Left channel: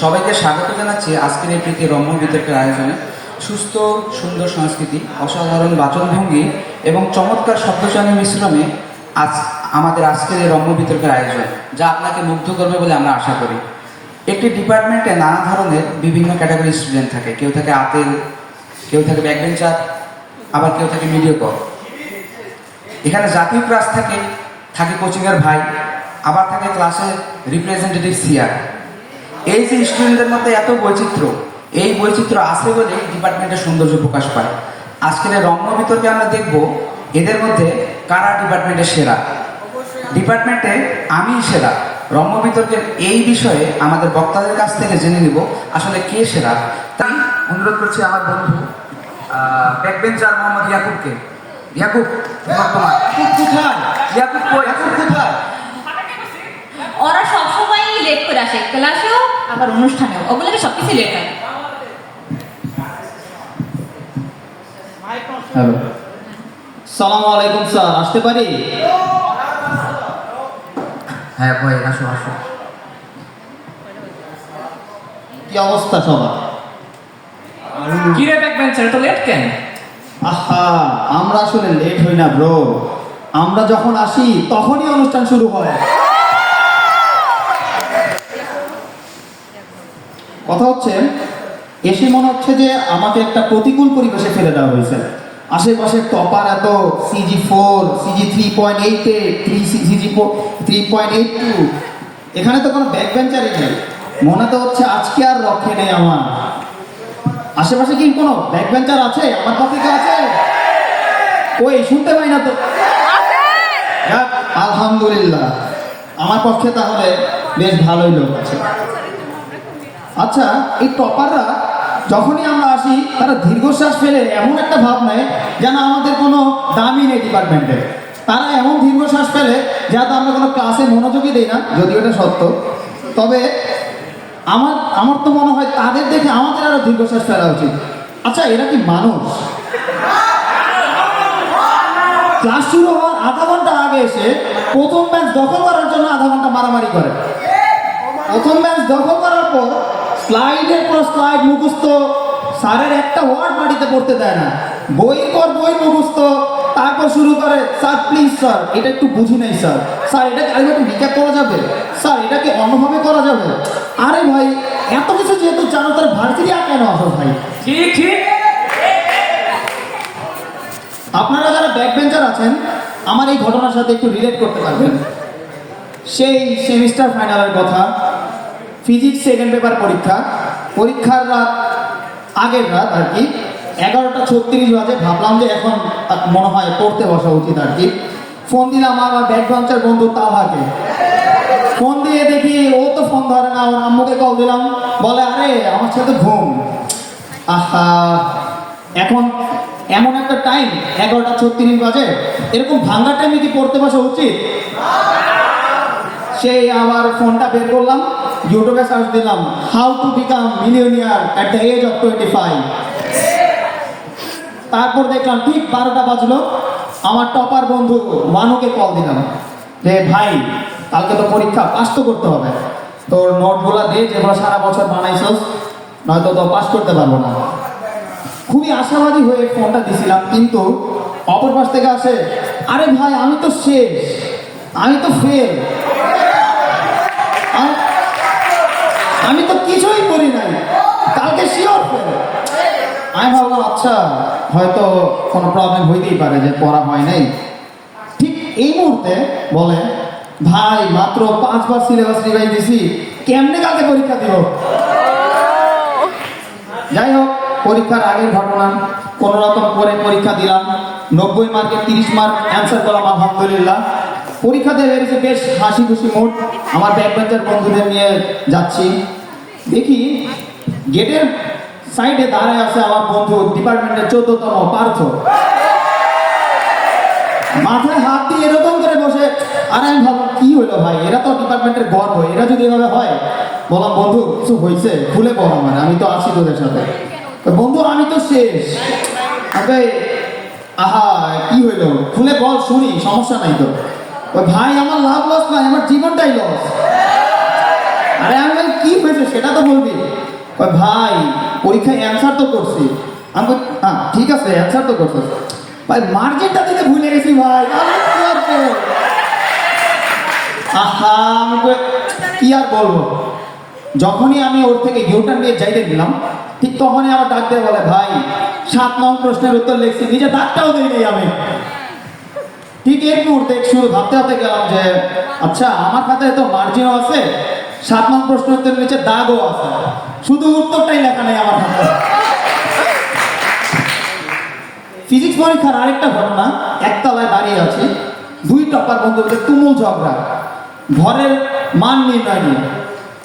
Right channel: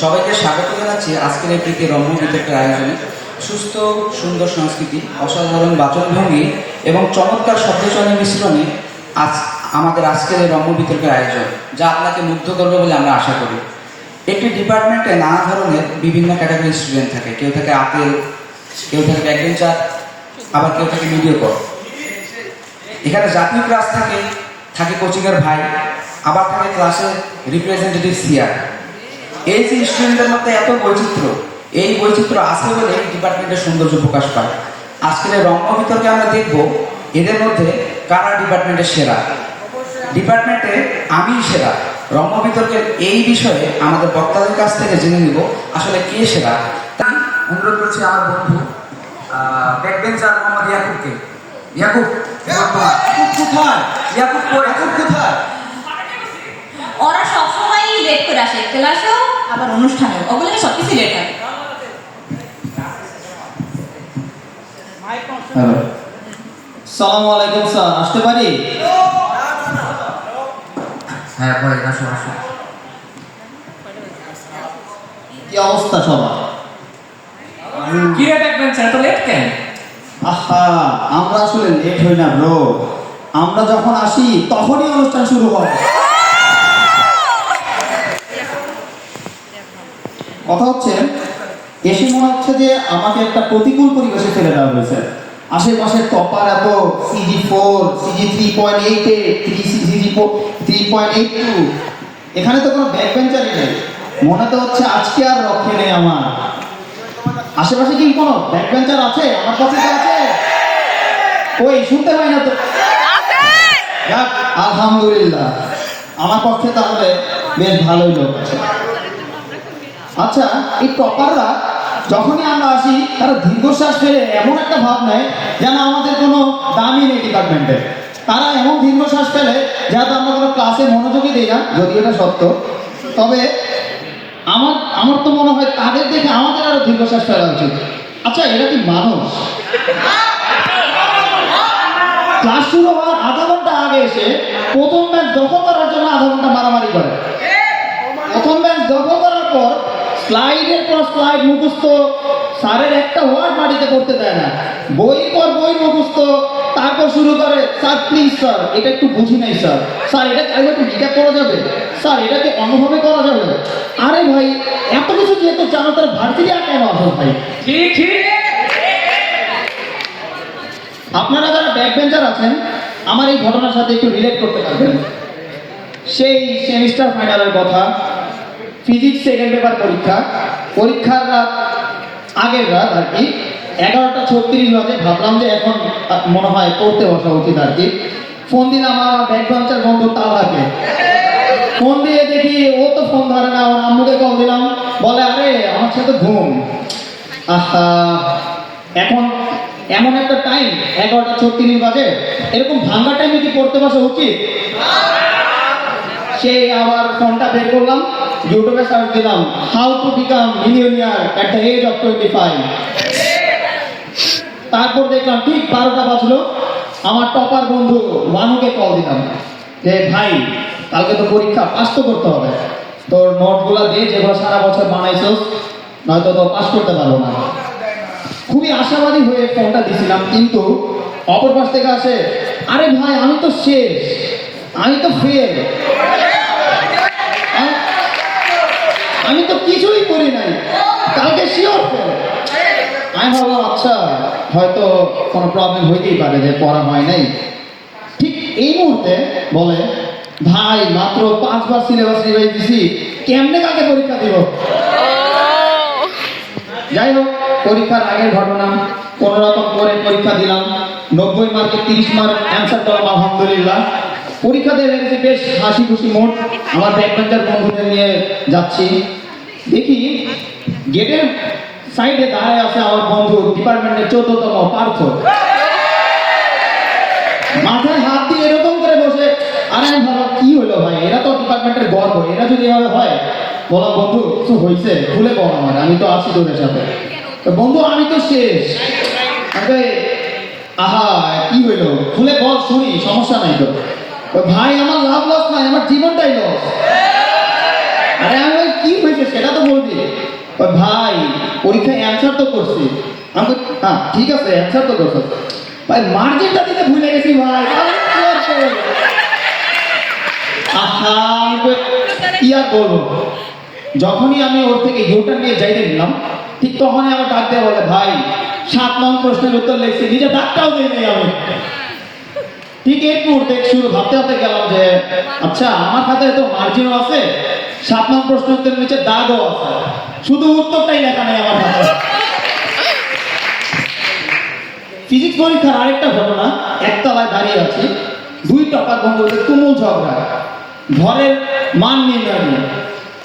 সবাইকে স্বাগত জানাচ্ছি আজকের এই প্রীতি রম্য বিতর্কের আয়োজনে। সুস্থ সুন্দর সংস্কৃতি, অসাধারণ বাচনভঙ্গি এবং চমৎকার শব্দচয়নের মিশ্রণে আজ আমাদের আজকের এই রম্য বিতর্কের আয়োজন, যা আপনাকে মুগ্ধ করবে বলে আমরা আশা করি। একটি ডিপার্টমেন্টে নানা ধরনের বিভিন্ন ক্যাটাগরি স্টুডেন্ট থাকে। কেউ থাকে আপেল, কেউ থাকে ব্যাকবেঞ্চার, আবার কেউ থাকে মিডিওকর। এখানে জাতীয় ক্লাস থাকে, থাকে কোচিংয়ের ভাই, আবার থাকে ক্লাসের রিপ্রেজেন্টেটিভ সিআর। এই যে স্টুডেন্টদের মধ্যে এত বৈচিত্র্য, এই বৈচিত্র্য আছে বলে ডিপার্টমেন্টের সৌন্দর্য প্রকাশ পায়। আজকের এই রম্য বিতর্কে আমরা দেখব এদের মধ্যে কারা ডিপার্টমেন্টের সেরা। ডিপার্টমেন্টে আমি সেরা। রম্য বিতর্কের এই বিষয়ে আমাদের বক্তাদের কাছ থেকে জেনে নিব আসলে কে সেরা। তাই অনুরোধ করছি আমার বন্ধু ব্যাকবেঞ্চার মোহাম্মদ ইয়াকুবকে। ইয়াকুব কোথায়? ইয়াকুব কোথায়? ওরা সবসময় লেট করে আসে, ক্লাসেও আবার অনুষ্ঠানেও, ওগুলোকে সবকিছু লেট হয়। হ্যালো, সালামু আলাইকুম স্যার, আসতে পারি? হ্যাঁ ভাই, আসো আসো। কি অবস্থা সবার? কি রে ব্যাকবেঞ্চার, এত লেট কেন? আহা, আমরা আসলে লেট হই না ব্রো। আমরা যখন আসি তখনই অনুষ্ঠান শুরু হয়। কথা হচ্ছে, এসে মনে হচ্ছে যে আমাকে একটা প্রতিকূল পরিবেশে ফেলে দেওয়া হয়েছে। আশেপাশে টপার এত, CG4, CG3.88, CG3.82, এখানে তো কোনো ব্যাকবেঞ্চারই নেই। মনে তো হচ্ছে আজকে আর রক্ষে নেই আমার। আশেপাশে কি কোনো ব্যাকবেঞ্চার আছে? আমার কাছে কি আছে? ওই শুনতে পাই না তো। যাক, আলহামদুলিল্লাহ, আমার পক্ষে তাহলে বেশ ভালোই লোক আছে। আচ্ছা, এই টপাররা যখনই আমরা আসি তারা দীর্ঘশ্বাস ফেলে এমন একটা ভাব নেয় যেন আমাদের কোনো দামই নেই ডিপার্টমেন্টে। তারা এমন দীর্ঘশ্বাস ফেলে যেহেতু আমরা কোনো ক্লাসে মনোযোগই দিই না, যদি এটা সত্য। তবে আমার তো মনে হয় তাদের দেখে আমাদের আরো দীর্ঘশ্বাস ফেলা উচিত। আচ্ছা, এরা কি মানুষ? ক্লাস শুরু হওয়ার আধা ঘন্টা আগে এসে প্রথম ম্যাচ দখল করার জন্য আধা ঘন্টা মারামারি করে। প্রথম ম্যাচ দখল করার পর স্লাইডের পর স্লাইড মুখস্থ, স্যারের একটা ওয়ার্ড মাটিতে পড়তে দেয় না। বইয়ের পর বই মুখস্থ, তারপর শুরু করে, স্যার প্লিজ স্যার এটা একটু বুঝি নাই স্যার, স্যার এটা একটু রিক্যাপ করা যাবে, স্যার এটাকে অন্যভাবে করা যাবে। আরে ভাই, এত কিছু যেহেতু জানো তার ভার্সিটি আর কেন আসো ভাই? ঠিক ঠিক। আপনারা যারা ব্যাকবেঞ্চার আছেন আমার এই ঘটনার সাথে একটু রিলেট করতে পারবেন। সেই সেমিস্টার ফাইনালের কথা, ফিজিক্স সেকেন্ড পেপার পরীক্ষার রাত, আগের রাত আর কি, 11:36 বাজে। ভাবলাম যে এখন মনে হয় পড়তে বসা উচিত আর কি। ফোন দিলাম আমার ব্যাকবেঞ্চার বন্ধু তাহাকে। ফোন দিয়ে দেখি ও তো ফোন ধরে না। আমার আম্মুকে কল দিলাম, বলে আরে আমার সাথে ঘুম। আহা, এখন এমন একটা টাইম 11:36 বাজে, এরকম ভাঙা টাইমে কি পড়তে বসা উচিত? সেই আবার ফোনটা বের করলাম, ইউটিউবে সার্চ দিলাম how to become millionaire at the age of 25। তারপর দেখলাম ঠিক 12টা বাজলো, আমার টপার বন্ধু মানুকে কল দিলাম যে ভাই কালকে তো পরীক্ষা, পাস তো করতে হবে, তোর নোটগুলো দে যেগুলো সারা বছর বানাইছস, নয়তো তো পাস করতে পারবো না। খুবই আশাবাদী হয়ে ফোনটা দিছিলাম, কিন্তু অপর পাশ থেকে আসে, আরে ভাই আমি তো শেষ, আমি তো ফেল, আমি তো কিছুই করি নাই, কালকে শিওর ফেল। আমি ভাবলাম আচ্ছা হয়তো কোনো প্রবলেম হইতেই পারে যে পড়া হয় নাই। ঠিক এই মুহূর্তে বলে, ভাই মাত্র 5 বার সিলেবাস রিভাইজ দিছি, কেমনে কালকে পরীক্ষা দিব? যাই হোক, পরীক্ষার আগের ঘটনা, কোনো রকম করে পরীক্ষা দিলাম। 90 মার্কে 30 মার্ক অ্যান্সার করলাম আলহামদুলিল্লাহ। পরীক্ষা দিয়ে বেরিয়েছে বেশ হাসি খুশি মুড। আমার ব্যাকবেঞ্চার বন্ধুদের নিয়ে যাচ্ছি, দেখি গেটের সাইডে দাঁড়ায় আছে আমার বন্ধু ডিপার্টমেন্টের 14তম পার্থ। মাথায় হাত দিয়ে এরকম করে বসে। আর আমি ভাবলাম কি হলো ভাই, এরা তো ডিপার্টমেন্টের গর্ব, এরা যদি এভাবে হয়। বললাম বন্ধু কিছু হয়েছে, খুলে বল আমার, আমি তো আছি তোদের সাথে। তো বন্ধু আমি তো শেষ। আহা কি হইলো, খুলে বল শুনি, সমস্যা নাই তো। ভাই আমার লাভ লস নাই, আমার জীবনটাই লস। আরে আমি কি হয়েছে সেটা তো বলবি। কয়, ভাই পরীক্ষায় অ্যান্সার তো করছি। আমি বলি, হ্যাঁ ঠিক আছে অ্যান্সার তো করছি ভাই, মার্জিনটা দিতে ভুলে গেছি ভাই। আহা, আমি কই, কি আর বলবো। যখনই আমি ওর থেকে ইউটার্ন নিয়ে যাইতে গেলাম, ঠিক তখনই আমার ডাক দিয়ে বলে, ভাই 7 নং প্রশ্নের উত্তর লিখছি, নিজে ডাকটাও দিই নাই আমি। ঠিক এই মুহূর্তে শুরু ভাবতে ভাবতে গেলাম যে আচ্ছা আমার খাতায় তো মার্জিনও আছে, 7 নং প্রশ্নের উত্তর নিচে দাগও আছে, শুধু উত্তরটাই লেখা নেই আমার খাতায়। ফিজিক্স পরীক্ষার আরেকটা ঘটনা, একতলায় দাঁড়িয়ে আছি, 2 টপার বন্ধুদের তুমুল ঝগড়া, ঘরের মান নির্ণয় নিয়ে।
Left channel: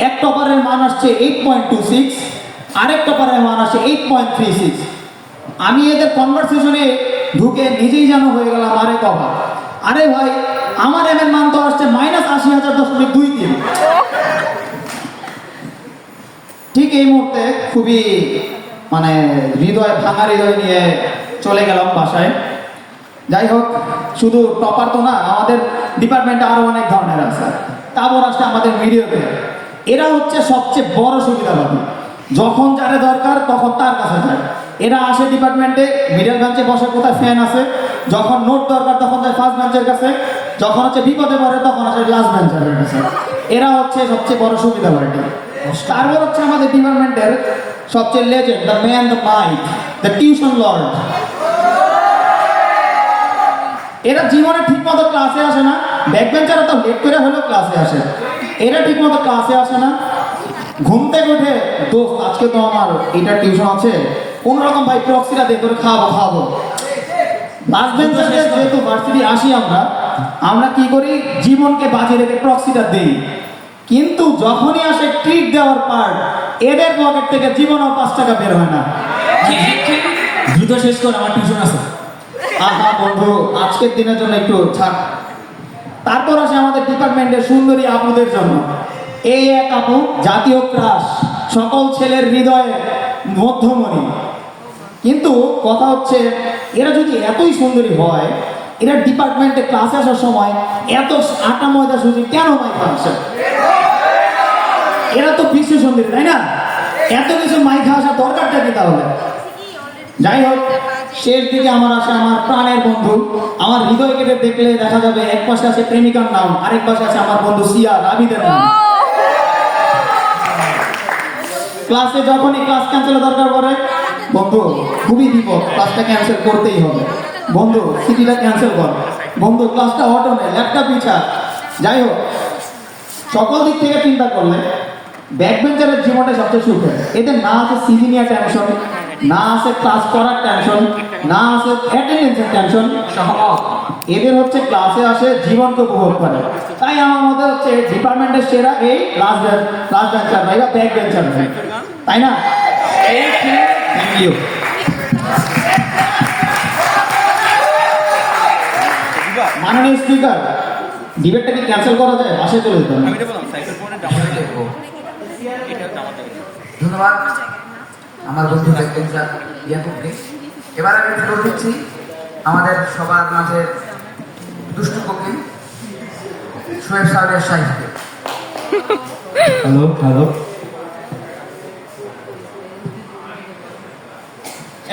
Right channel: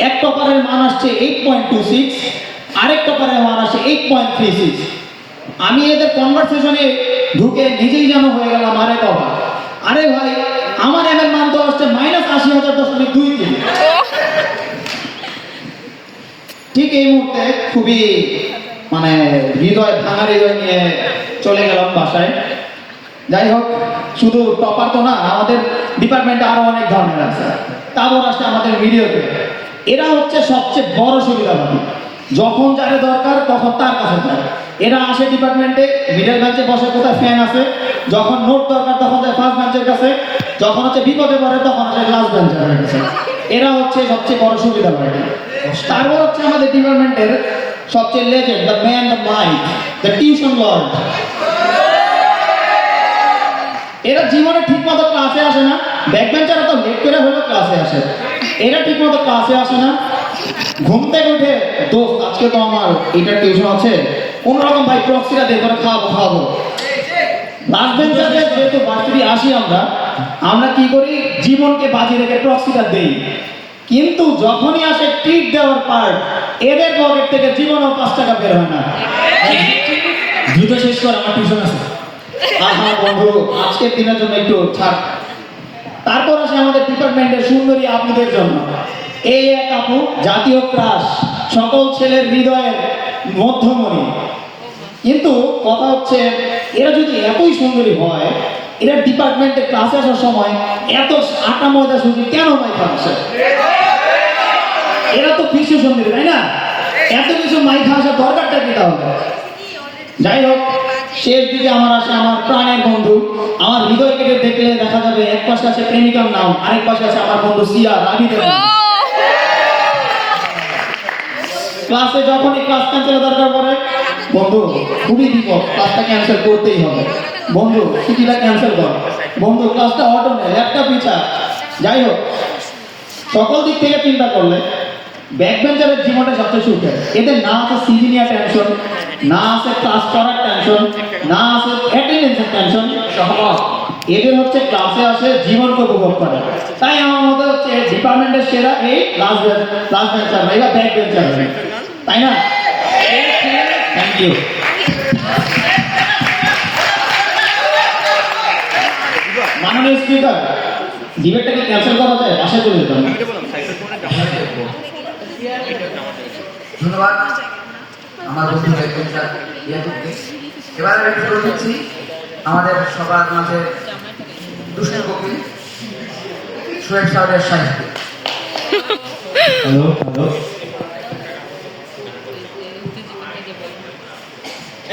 এক টপারের মান আসছে 8.26, আরেক টপারের মান আসছে 8.36। আমি এদের কনভারসেশনে ঢুকে নিজেই যেন হয়ে গেলাম আরে টপার। আরে ভাই আমার এর মান তো আসছে -80,000.23। ঠিক এই মুহূর্তে খুবই মানে হৃদয় ভাঙা হৃদয় নিয়ে চলে গেলাম বাসায়। যাই হোক, শুধু টপার তো না, আমাদের ডিপার্টমেন্টে আরো অনেক ধরনের আছে। তারপর আসছে আমাদের ভিডিওতে, এরা হচ্ছে সবচেয়ে বড় সুবিধাবাদী। যখন যারে দরকার তখন তার কাছে যায়। এরা আসে ডিপার্টমেন্টে, মিডল বেঞ্চে বসে, কোথায় ফ্যান আছে, যখন নোট দরকার তখন যায় ফার্স্ট বেঞ্চের কাছে, যখন হচ্ছে বিপদে পড়ে তখন আসে লাস্ট বেঞ্চের কাছে। এরা হচ্ছে সবচেয়ে বড় সুবিধাবাদী। তারপর হচ্ছে আমাদের ডিপার্টমেন্টের সবচেয়ে legend, the man, the might, the tuition lord. এরা জীবনে ঠিক মতো ক্লাসে আসে না, ব্যাকবেঞ্চাররা তো লেট করে হলেও ক্লাসে আসে, এরা ঠিক মতো ক্লাসে আসে না। ঘুম থেকে উঠে দোস্ত আজকে তো আমার এটা টিউশন আছে, কোনোরকম ভাই প্রক্সিটা দিয়ে করে খাওয়াবো। লাস্ট বেঞ্চারদের যেহেতু ভার্সিটি আসি আমরা কি করি, জীবনকে বাজি রেখে প্রক্সিটা দিই। কিন্তু যখনই আসে ট্রিট দেওয়ার পার্ট, এদের পকেট থেকে জীবনও 5 টাকা বের হয় না। দ্রুত শেষ করে, আমার টিউশন আছে। আহা বন্ধু, আজকের দিনের জন্য একটু ছাড়। তারপর আসে আমাদের ডিপার্টমেন্টের সুন্দরী আপুদের জন্য। এই এক আপু জাতীয় ক্রাশ, সকল ছেলের হৃদয়ের মধ্যমণি। কিন্তু কথা হচ্ছে, এরা যদি এতই সুন্দরী হয়, এরা ডিপার্টমেন্টে ক্লাসে আসার সময় এত আটা ময়দা সুজি কেন মাইকা আসে? এরা তো বিশ্ব সুন্দরী, তাই না? এত কিছু মাইকা আসার দরকারটা কি তাহলে? যাই হোক, শেষ দিকে আমার আসে আমার প্রাণের বন্ধু। আমার হৃদয় কেটে দেখলে দেখা যাবে এক পাশে আছে প্রেমিকার নাম, আরেক পাশে আছে আমার বন্ধু সিয়া রাবিদের নাম। ক্লাসে যখনই ক্লাস ক্যান্সেলের দরকার পড়ে, বন্ধু খুবই বিপদ, ক্লাসটা ক্যান্সেল করতেই হবে, বন্ধু ছুটিটা ক্যান্সেল কর, বন্ধু ক্লাসটা অটো নেয়, ল্যাপটপ পিছা। যাই হোক, সকল দিক থেকে চিন্তা করলে ব্যাকবেঞ্চারের জীবনটা সবচেয়ে সুখের। এদের না আছে সিজিনিয়ার টেনশন, না আছে ক্লাস করার টেনশন, না আছে অ্যাটেন্ডেন্সের টেনশন। এদের হচ্ছে ক্লাসে আসে জীবনকে উপভোগ করে। তাই আমার মতে হচ্ছে ডিপার্টমেন্টের সেরা এই লাস্ট বেঞ্চার ভাই বা ব্যাক বেঞ্চার ভাই, তাই না? Thank you. মাননীয় স্পিকার, ডিবেটটা কি ক্যান্সেল করা যায়? বাসায় চলে যেতে হবে। ধন্যবাদ আমার বন্ধু ব্যাকবেঞ্চার ইয়াকুবকে। এবার আমি একটু বলে দিচ্ছি আমাদের সবার মাঝে দুষ্ট কবি সোহেব সাহেবের সাহিত্যে।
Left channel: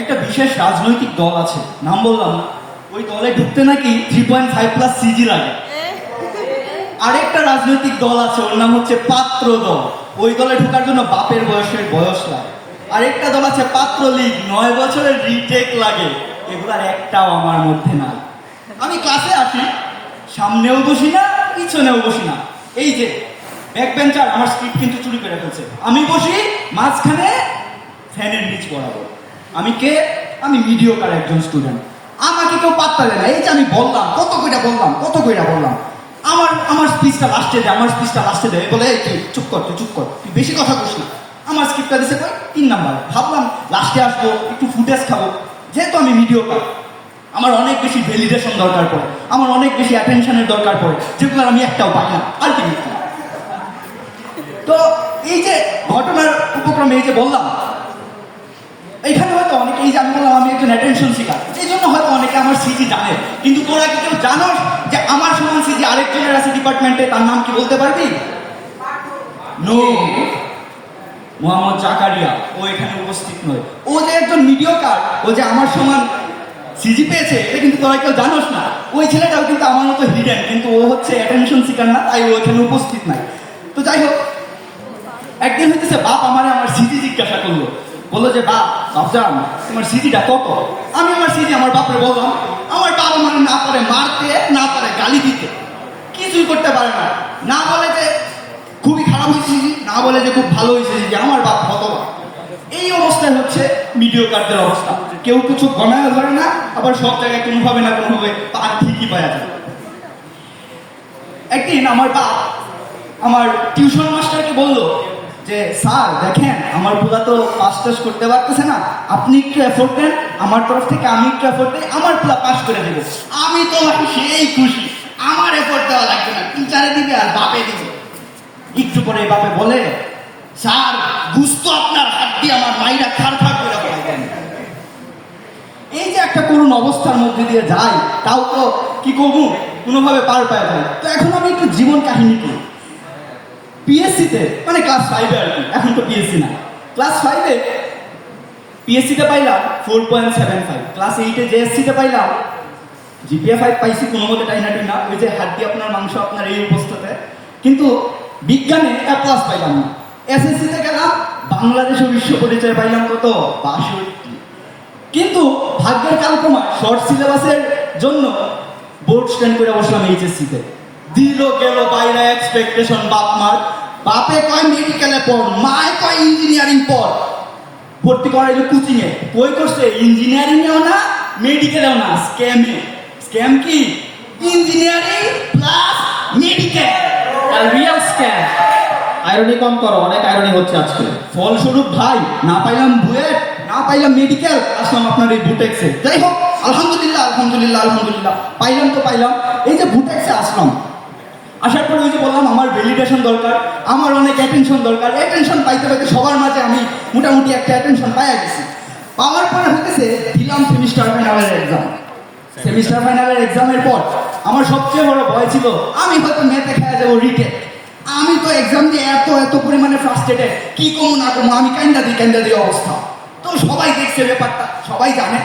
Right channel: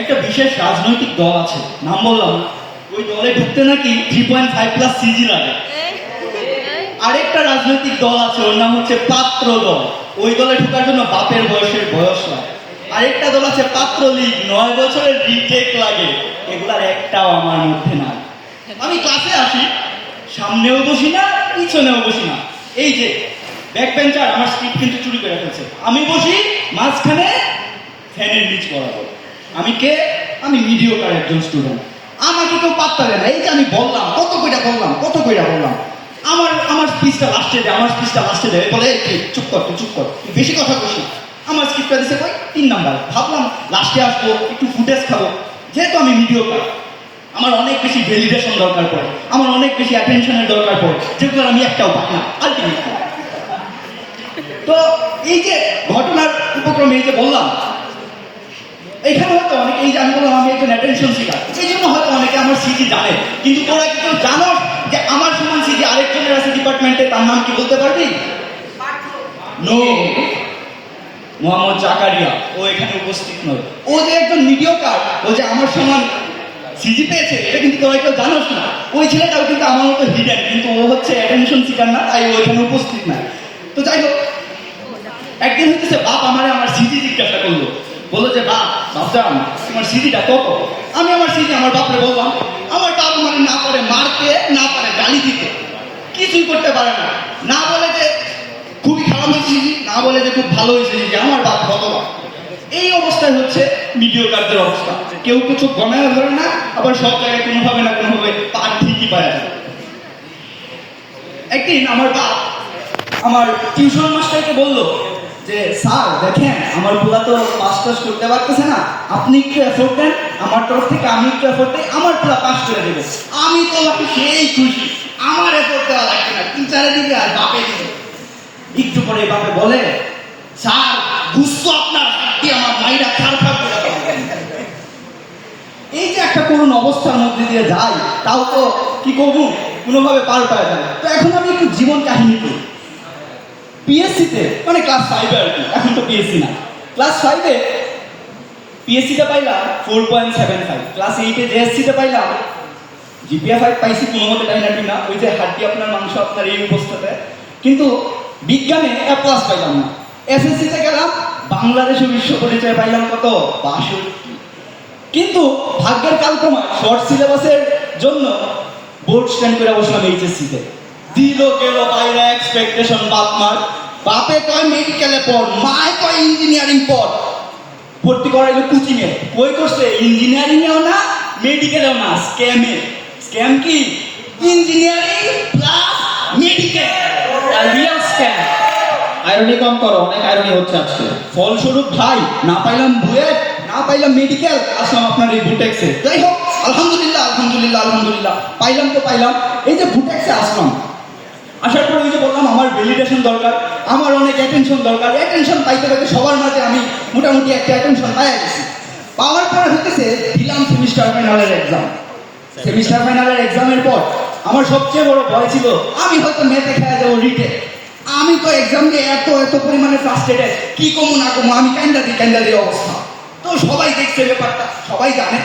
একটা বিশেষ রাজনৈতিক দল আছে, নাম বললাম না। ওই দলে ঢুকতে নাকি 3.5+ সিজি লাগে। আরেকটা রাজনৈতিক দল আছে, ওর নাম হচ্ছে পাত্র দল। ওই দলে ঢোকার জন্য বাপের বয়সের বয়স লাগে। আরেকটা দল আছে পাত্র লীগ, 9 বছরের রিটেক লাগে। এগুলার একটাও আমার মধ্যে না। আমি ক্লাসে আসি, সামনেও বসি না, পিছনেও বসি না। এই যে ব্যাক বেঞ্চার আমার স্ক্রিপ্ট কিন্তু চুরি করে ফেলছে। আমি বসি মাঝখানে, ফ্যানের নিচ বরাবর। আমি কে? আমি মিডিওকার একজন স্টুডেন্ট। আমাকে কেউ পাত্তা দেয় না। এই যে আমি বললাম, কত কইটা বললাম। আমার স্পিচটা লাস্টে দেয়, বলে চুপ কর, তুই বেশি কথা বলছি। আমার স্ক্রিপ্টটা দিছে কই 3 নাম্বার। ভাবলাম লাস্টে আসবো, একটু ফুটেজ খাবো। যেহেতু আমি মিডিওকার, আমার অনেক বেশি ভ্যালিডেশন দরকার পড়ে, আমার অনেক বেশি অ্যাটেনশনের দরকার পড়ে, যেগুলো আমি একটাও পাই না আলটিমেটলি। তো এই যে ঘটনার উপক্রমে এই যে বললাম, এখানে হয়তো অনেকে, এই যে আমি বললাম আমি একজন অ্যাটেনশন সিকার, এই জন্য হয়তো অনেকে আমার সিজি জানে। কিন্তু তোরা কি কেউ জানো যে আমার সমান সিজি আরেকজনের আছে ডিপার্টমেন্টে? তার নাম কি বলতে পারবি? নো। মোহাম্মদ জাকারিয়া, ও এখানে উপস্থিত নয়। ও যে একজন মিডিয়াকার, ও যে আমার সমান সিজি পেয়েছে, এটা কিন্তু তোরা কেউ জানোস না। ওই ছেলেটাও কিন্তু আমার মতো হিডেন, কিন্তু ও হচ্ছে অ্যাটেনশন সিকার না, তাই ও এখানে উপস্থিত নাই। তো যাই হোক, একদিন হচ্ছে বাপ আমার সিজি জিজ্ঞাসা করলো, বললো যে বাপজান তোমার সিজিটা কত? আমি আমার সিজি আমার বাপরে বললাম। আমার বাপ মানে না পারে মারতে, না পারে গালি দিতে, কিছুই করতে পারে না। না বলে যে খুবই খারাপ হয়েছে সিজি, না বলে যে খুব ভালো হয়েছে সিজি। আমার বাপ ভগবান। এই অবস্থায় হচ্ছে মিডিয়াকারদের অবস্থা, কেউ কিছু গণায় ধরে না, আবার সব জায়গায় কোনোভাবে না কোনোভাবে তার ঠিকই পাওয়া যায়। একদিন আমার বাপ আমার টিউশন মাস্টারকে বললো যে স্যার দেখেন আমার পোলা তো পাস টাস করতে পারতেছে না, আপনি একটু এফোর্ট দেন, আমার তরফ থেকে আমি একটু এফোর্ট দিই, আমার পোলা পাস করে দেবো। আমি তো নাকি সেই খুশি, আমার এফোর্ট দেওয়া লাগবে না, টিচারে দিবে আর বাপে দিবে। একটু পরে বাপে বলে স্যার গুস্ত আপনার হাত দিয়ে আমার মাইরা খারাপ করে দেবেন। এই যে একটা করুণ অবস্থার মধ্যে দিয়ে যায়, তাও তো কি করবো, কোনোভাবে পার পাওয়া যায়। তো এখন আমি একটু জীবন কাহিনী করি। পিএসসিতে মানে ক্লাস 5-এ আর কি, এখন তো পিএসসি না, ক্লাস 5-এ পিএসসিতে পাইলাম 4.75, ক্লাস 8-এ জেএসসিতে পাইলাম জিপিএ 5 পাইছি কোনো মতে টাইনাটি না, ওই যে হাড্ডি আপনার মাংস আপনার এই অবস্থাতে। কিন্তু বিজ্ঞানে এ প্লাস পাইলাম না। এসএসসিতে গেলাম, বাংলাদেশ বিশ্ব পরিচয় পাইলাম কত 62। কিন্তু ভাগ্যের কালক্রমা শর্ট সিলেবাসের জন্য বোর্ড স্ট্যান্ড করে বসলাম এইচএসসিতে। দিল গেল বাইরে এক্সপেকটেশন বাপ মার, বাপে কয় মেডিকেলে পড়, মায় কয় ইঞ্জিনিয়ারিং পড়। ভর্তি করাইলো কোচিংয়ে, ওই করছে ইঞ্জিনিয়ারিংয়েও না মেডিকেলেও না, স্ক্যামে। স্ক্যাম কি? Engineering plus medical, real scam. Irony কম করো, অনেক আইরনি হচ্ছে আজকে। ফলস্বরূপ ভাই না পাইলাম বুয়েট, না পাইলাম মেডিকেল, আসলাম আপনার এই বুটেক্সে। যাই হোক আলহামদুলিল্লাহ আলহামদুলিল্লাহ আলহামদুলিল্লাহ, পাইলাম তো পাইলাম। এই যে বুটেক্সে আসলাম, আসার পরে ওই যে বললাম আমার ভ্যালিডেশন দরকার, আমার অনেক অ্যাটেনশন দরকার। অ্যাটেনশন পাইতে পাইতে সবার মাঝে আমি মোটামুটি একটা অ্যাটেনশন পাই গেছি। পাওয়ার পরে হতেছে দিলাম সেমিস্টার ফাইনালের এক্সাম। সেমিস্টার ফাইনালের এক্সামের পর আমার সবচেয়ে বড় ভয় ছিল আমি হয়তো ম্যাথে খেলা যাবো রিটে। আমি তো এক্সাম দিয়ে এত পরিমাণে ফ্রাস্ট্রেটেড, কি কমু না কমু, আমি ক্যান্ডা দিই অবস্থা। তো সবাই দেখছে ব্যাপারটা, সবাই জানে।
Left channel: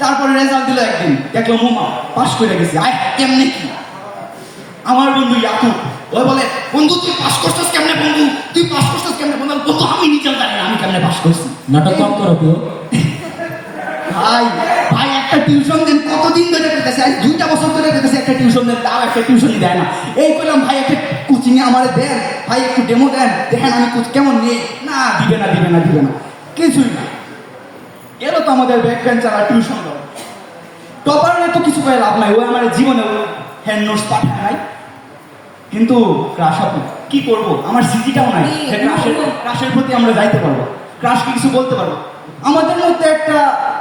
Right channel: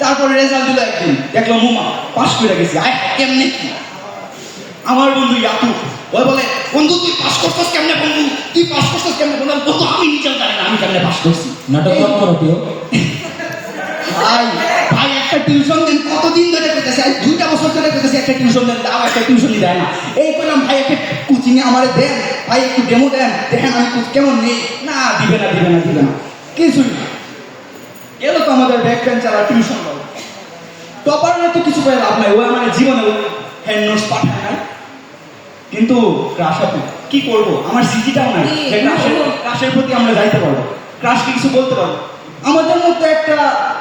তারপরে রেজাল্ট দিল, একদিন দেখলো মুমা পাস করে গেছি। আয় কেমনে কি? আমার বন্ধু ইয়াকু ওই বলে, বন্ধু তুই পাস করছিস কেমনে? বন্ধু তুই পাস করছিস কেমনে? বন্ধু বন্ধু আমি নিজেও জানি না আমি কেমনে পাস করছি। নাটক কম করো তো। ভাই ভাই একটা টিউশন দেন, কতদিন ধরে পেতেছে, আজ 2টা বছর ধরে পেতেছে একটা টিউশন দেন, তাও একটা টিউশনই দেয় না। এই করলাম ভাই একটা কোচিংয়ে আমার দেন, ভাই একটু ডেমো দেন, দেখেন আমি কেমন নেই। না দিবে না কিছুই না। গেল তো আমাদের ব্যাক বেঞ্চার টিউশন টপারের তো কিছু পাই লাভ নাই, ও আমার জীবনে হ্যান্ড নোটস পাঠায় নাই। কিন্তু ক্রাশ আপনি কি করবো, আমার সিজিটাও নাই যে ক্রাশের প্রতি আমরা যাইতে পারবো, ক্রাশকে কিছু বলতে পারবো। আমাদের মধ্যে একটা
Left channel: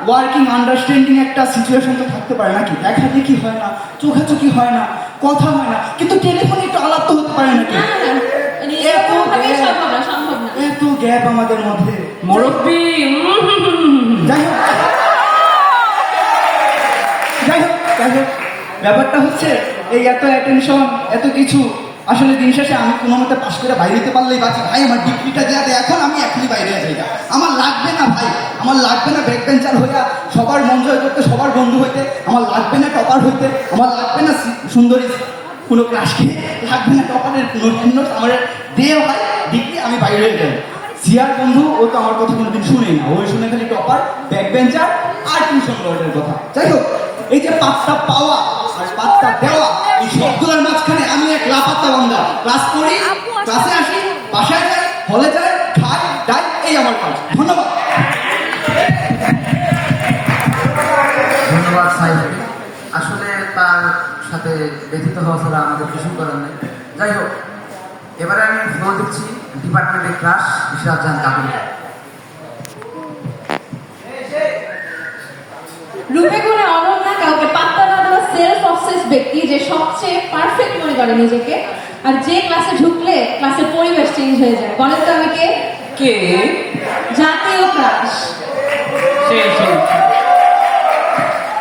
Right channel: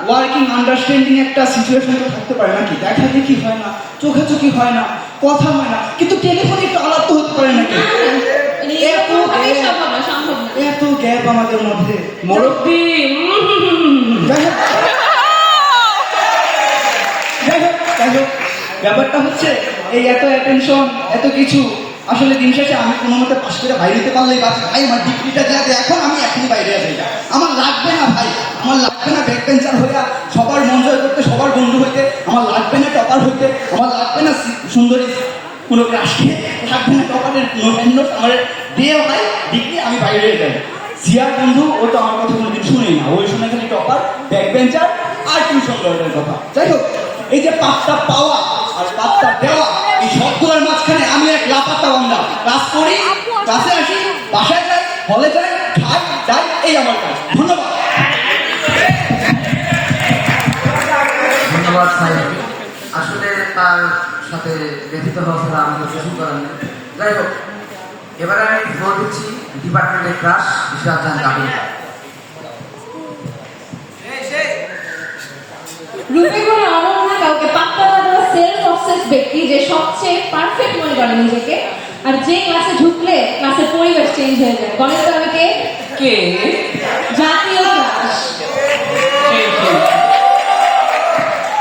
ওয়ার্কিং আন্ডারস্ট্যান্ডিং একটা সিচুয়েশন তো থাকতে পারে নাকি? দেখা দেখি হয় না, চোখাচোখি হয় না, কথা হয় না, কিন্তু টেলিফোনে একটু আলাপ তো হতে পারে নাকি? এত গ্যাপ আমাদের মধ্যে। মুরব্বি যাই হোক, ব্যাপারটা হচ্ছে এই এত অ্যাটেনশন এত কিছু, আসলে দিন শেষে আমি কোনো মতে পাস করে বাইরে যেতে পারলেই বাকি। ভাই আমার ডিগ্রিটা দেওয়াতে এখন আমি এখনই বাইরে যাই, আমার লাগবে না ভাই, আমার লাগবে না ব্যাক বেঞ্চার হইয়া সবার মন জয় করতে, সবার বন্ধু হইতে, আমার লাগবে না টপার হইতে, আমার লাগবে না সুন্দরী কোনো ক্লাসকে, লাগবে না টপারের কোনো ভিন্ন আমার দিয়ে ভাই ডিগ্রি, আমি বাইরে যাই। জিয়ার বন্ধু ও তো আমার কথা কোনোদিন শুনেই না, ওই শুনে খালি টপার, ব্যাক বেঞ্চার আর টিউশন লয়ের কথা। যাই হোক, এই যে পাঁচটা পাওয়া আর পাঁচটা দেওয়া, এই শব্দের মাঝখানে আমি এক লাপাত্তা বান্দা। ক্লাস করি, ক্লাসে আসি, বাসায় যাই, হলে যাই, খাই যাই, এই আমার কাজ। ধন্যবাদ। ধন্যবাদ সাহেব। আসলে তার সাথে লিখিত ভাষা আমাদের কিছু করার নেই। যাই হোক, এবারে আমি ফ্লোর দিচ্ছি ডিপার্টমেন্টের ক্লাস ইশরাত জাহান কামিল। রূপে করে অনন্যা কাউকে পাত্তা না দেওয়া সেলফ অবসেস ব্যক্তি, যে সবচেয়ে পারফেক্ট মনে করে নিজেকে, আর যে ক্লাসে ঢুকলে ক্লাসের পরিবেশ চেঞ্জ হয়ে যায়। বলেন তো আমি কে? কে? জাতীয় ক্লাস।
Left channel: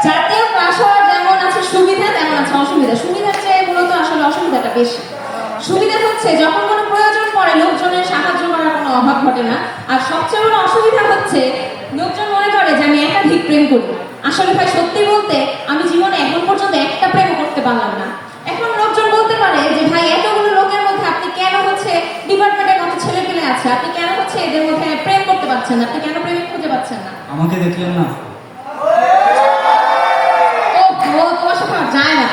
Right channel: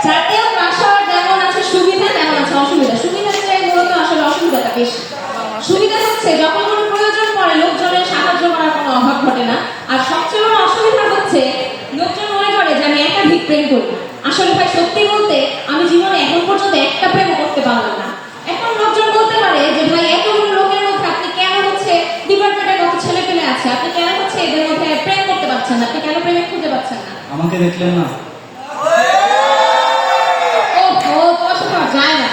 জাতীয় ক্লাস হওয়ার যেমন আছে সুবিধা, তেমন আছে অসুবিধা। সুবিধা চেয়ে মূলত আসলে অসুবিধাটা বেশি। সুবিধা হচ্ছে যখন কোনো প্রয়োজন পড়ে লোকজনের সাহায্য করার কোনো অভাব ঘটে না, আর পাচ্ছেন না? আপনি কেন প্রেমিক খুঁজে পাচ্ছেন না? আমাকে দেখলেন না? ও তোমার সাথে আমার যায় না।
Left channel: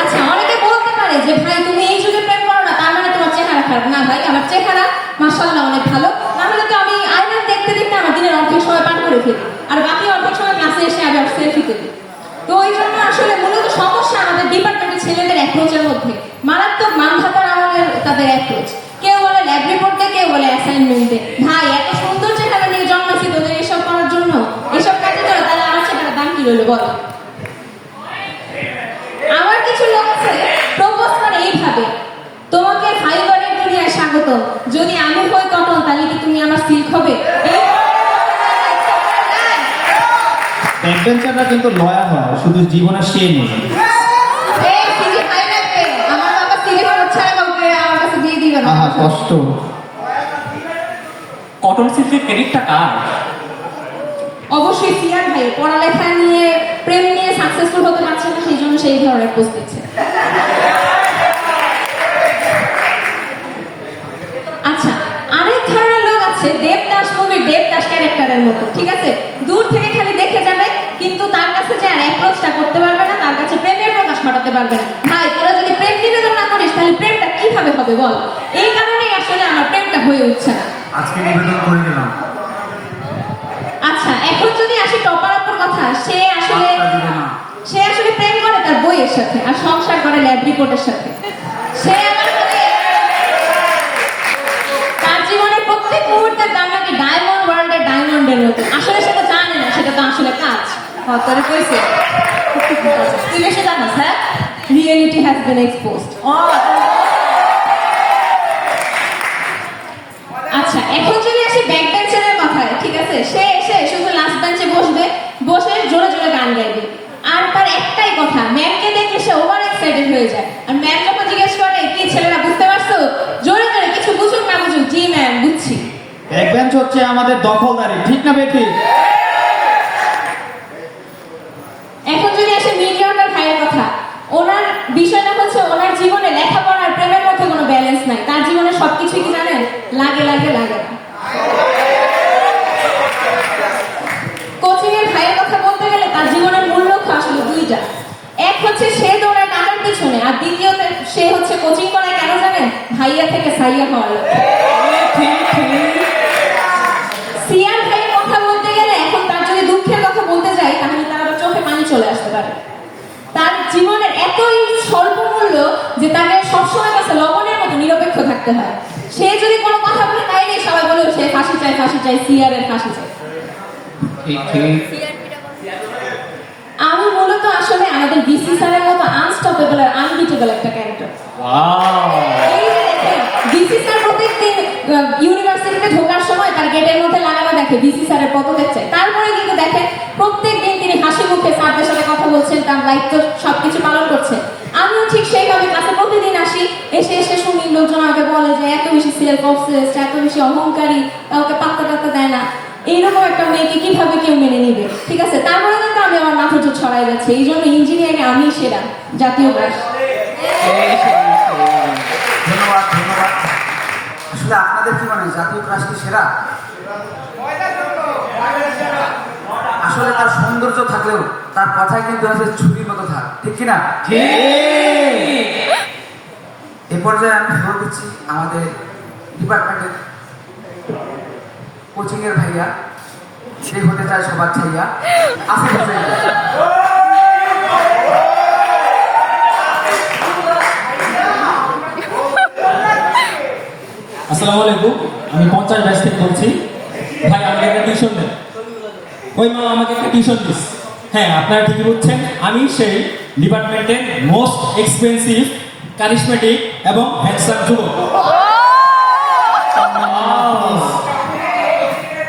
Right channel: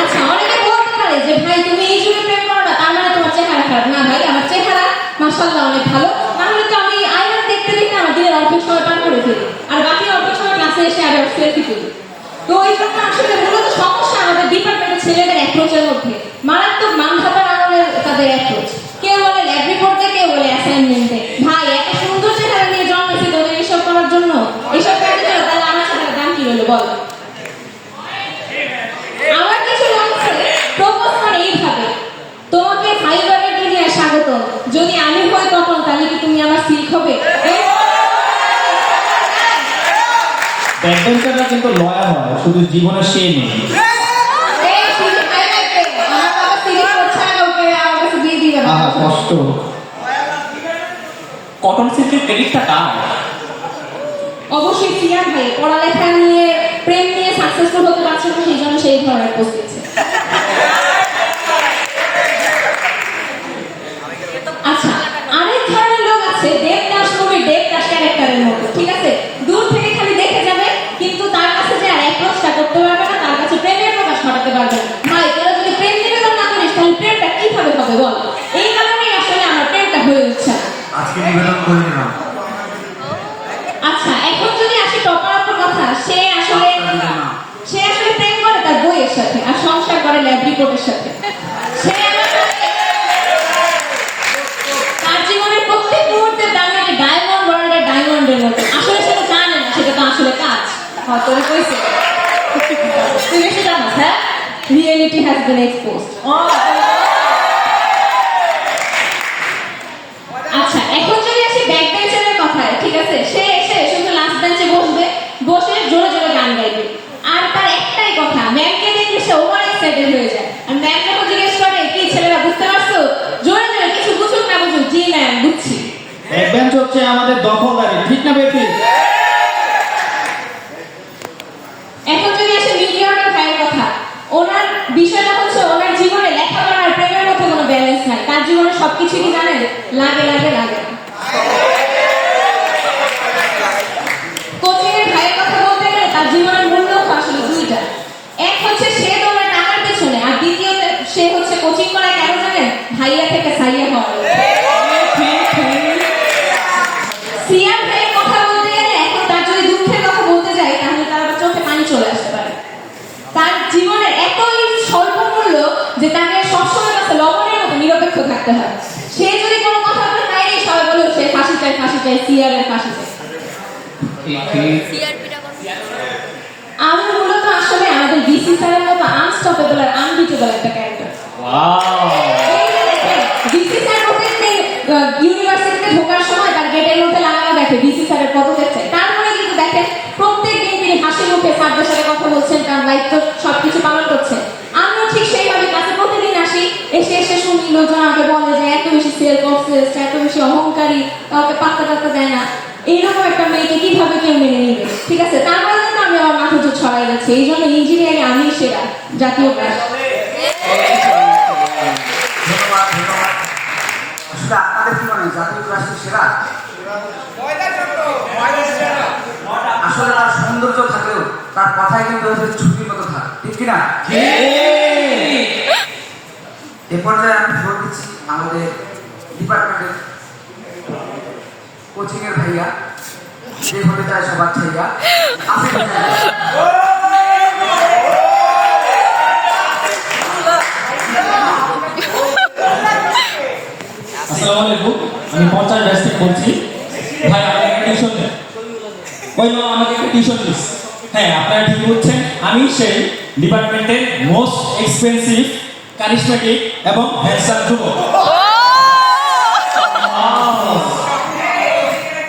আচ্ছা, অনেকে বলতে পারে যে ভাই তুমি এই যুগে প্রেম করো না, তার মানে তোমার চেহারা খারাপ। না ভাই, আমার চেহারা মাশাআল্লাহ অনেক ভালো। তাহলে তো আমি আয়না দেখতে দেখতে আমার দিনের অর্ধেক সময় পার করে ফেলি, আর বাকি অর্ধেক সময় ক্লাসে এসে আবার সেলফি তুলি। তো এই জন্য আসলে মূলত সমস্যা আমাদের ডিপার্টমেন্টের ছেলেদের অ্যাপ্রোচের মধ্যে। মারাত্মক মানধাতার আমাদের তাদের অ্যাপ্রোচ। কেউ বলে ল্যাব রিপোর্টে, কেউ বলে অ্যাসাইনমেন্টে। ভাই এত সুন্দর চেহারা নিয়ে জন্মেছে তোদের এইসব করার জন্য, এইসব কাজের জন্য, তাহলে আমার চেহারার দাম কি হলো বল? আমার কিছু লোক আছে প্রপোজ করে এইভাবে, তোমাকে ফাইবারের দুনিয়ায় স্বাগত, যদি আমি হই কখন তাহলে কি তুমি আমার সিল্ক হবে? ব্যাকবেঞ্চাররা কিন্তু লয়াল হয়, শুধু জীবনে সে নেই। কষ্ট। কটন সিল্কের ক্রেডিটটা কার? অবশ্যই সিয়ার ভাই পড়ালেখা নিয়ে, প্রেম নিয়ে সাকসেসফুল হতে পারছে না, সেই জন্য সেই ধরনের পোস্ট দিচ্ছে। আচ্ছা, আরেক ধরনের লোক আছে দেবদাস মুভির দেবদাস ক্যারেক্টারের মতো, ঠিক আছে? দূর থেকে খালি দেখে যাবে, কিন্তু তার কাছে যে আর অ্যাপ্রোচটা করতে পারবে না, তার কাছে প্রেমের প্রকাশ ঘটাতে পারবে না। ভাই তোরা যদি প্রেম নিবেদন না করিস তাহলে প্রেমটা কিভাবে হবে বল? এই কারণেই আসলে আমার প্রেমটা হয়ে উঠছে না। আজকে নিবেদন করে নিলাম। আচ্ছা, এখন যদি আসি টপার আপুর কথা, সে আসলে প্রেম করে তার বইয়ের সাথে, আর সংসার করে ল্যাব রিপোর্টের সাথে। সে তার জীবনের প্রত্যেক মুহূর্তের দাম নাকি ডায়মন্ড ওয়ার্ল্ডের ডায়মন্ডের মতো। আসলে সেটা জানে না, সেটা তো আসলে কাজ। তোরে কইছে তুই বেশি জানাস, হ্যাঁ? Reality has been exposed. আচ্ছা, এখন যদি আসি ব্যাক বেঞ্চের কথায়, ঠিক আছে? সে এসে শুধু লাস্ট বেঞ্চে বসবে, বসে জোরে জোরে গান গাইবে, আর তার একটাই কথা, ম্যামকে দেখে সে ওভার এক্সাইটেড হয়ে যায়। আর ম্যাম যখন জিজ্ঞেস করে কি ছেলেরা বুঝতে পারছো, জোরে জোরে কিছু বুঝুক না বুঝুক, জি ম্যাম বুঝছি। ব্যাকবেঞ্চ হচ্ছে আমাদের দখলদারি, ঠিক না ব্যক্তি? এখন যদি আসে মিলিয়নার ভাইয়ের কথা, ওনার বিষয়টা হচ্ছে ওনার জীবনে লেখাপড়া আর প্রেমের মধ্যে কোনো ব্যালেন্স নাই। তার জীবনে সবকিছু কি জানেন? লাগে লাগে লাগে না। কোচিং এর ভাইয়ের কথা বলতে গেলে তার জীবনের মূল লক্ষ্য আসলে দুইটা। এক হচ্ছে সে তোমার টাকার পেছনে, আর দ্বিতীয়ত সে হচ্ছে কোচিং করা কেন জানেন? ভাইয়া থেকে সাইয়া হওয়ার লক্ষ্যে। সিয়াম ভাইয়ের কথা বলতে গেলে এখন তার যদি দুঃখের কথা বলতে যাই তাহলে তার আবার চোখে পানি চলে আসতে পারে। তার জীবনের এতই স্বল্প মূল্য যে তাকে সবসময় কাছে লবণের মতো নিরপেক্ষ থাকতে হয়। সে যদি কোনো কথা বলে তাই সবাই বলে সে ফাঁসি চায়, সিয়ারের ফাঁসি চায়। আমি মূলত আসলে আমাদের ডিসি স্যারের মতো আনস্টপেবল আর আনবিটেবল একটা ক্যারেক্টার। ডিসি স্যার প্রত্যেকদিন ইউনিভার্সিটিতে ঢোকার সময় তার গেটের মধ্যে লাগানো দেখে ডিসি স্যারের পদত্যাগ চাই। তারপরে কিন্তু দেখেন প্রত্যেকদিন তিনি হাসি মুখে স্যারদের সাথে কথা বলছেন, তার দায়িত্ব সবকিছু পালন করছেন। আমিও ঠিক সেইভাবে ক্লাসে প্রতিদিন আসি, এসে শুনি লোকজন আমাকে বলে যে এত বেশি সেলফ অবসেসড, এত বেশি অহংকারী, কাউকে পাত্তা টাত্তা দেয় না। এইরকম একটা মেয়েকে কিভাবে কেউ মেনে নেবে? ঠিক আছে, তারপরে কিন্তু আমি আমার মাথা তো ছড়াই গেছে। এই জন্য ইঞ্জিনিয়ারিং আমি সেরা জাতীয় ক্লাস। আসলে আপনাদের কি মনে হয় জাতীয় ক্লাস কি সেরা? আসলে তার সৌন্দর্য থাকলেও তার কথায় কিন্তু আসলে ছুটির মতো থাকে, ঠিক কিনা? এ পর্যায়ে আমি ফ্লোর দিচ্ছি আমাদের ডিপার্টমেন্টের কোচিং এর ভাইয়া, যে হতে চায় সবার ছাইয়া আসিফ হোসেন। আসসালামু আলাইকুম, আমি 50 ব্যাচ থেকে বলছি। ভাই আমাকে একটা টিউশন দেন। ওই মা আমাকে একটা টিউশন দিস। হ্যাঁ, আপনারা ঠিকই বলছেন, আমি সেই ডিপার্টমেন্টের মোস্ট এক্সপেন্সিভ, কারিশমেটিক এবং হ্যান্ডসাম যুবক।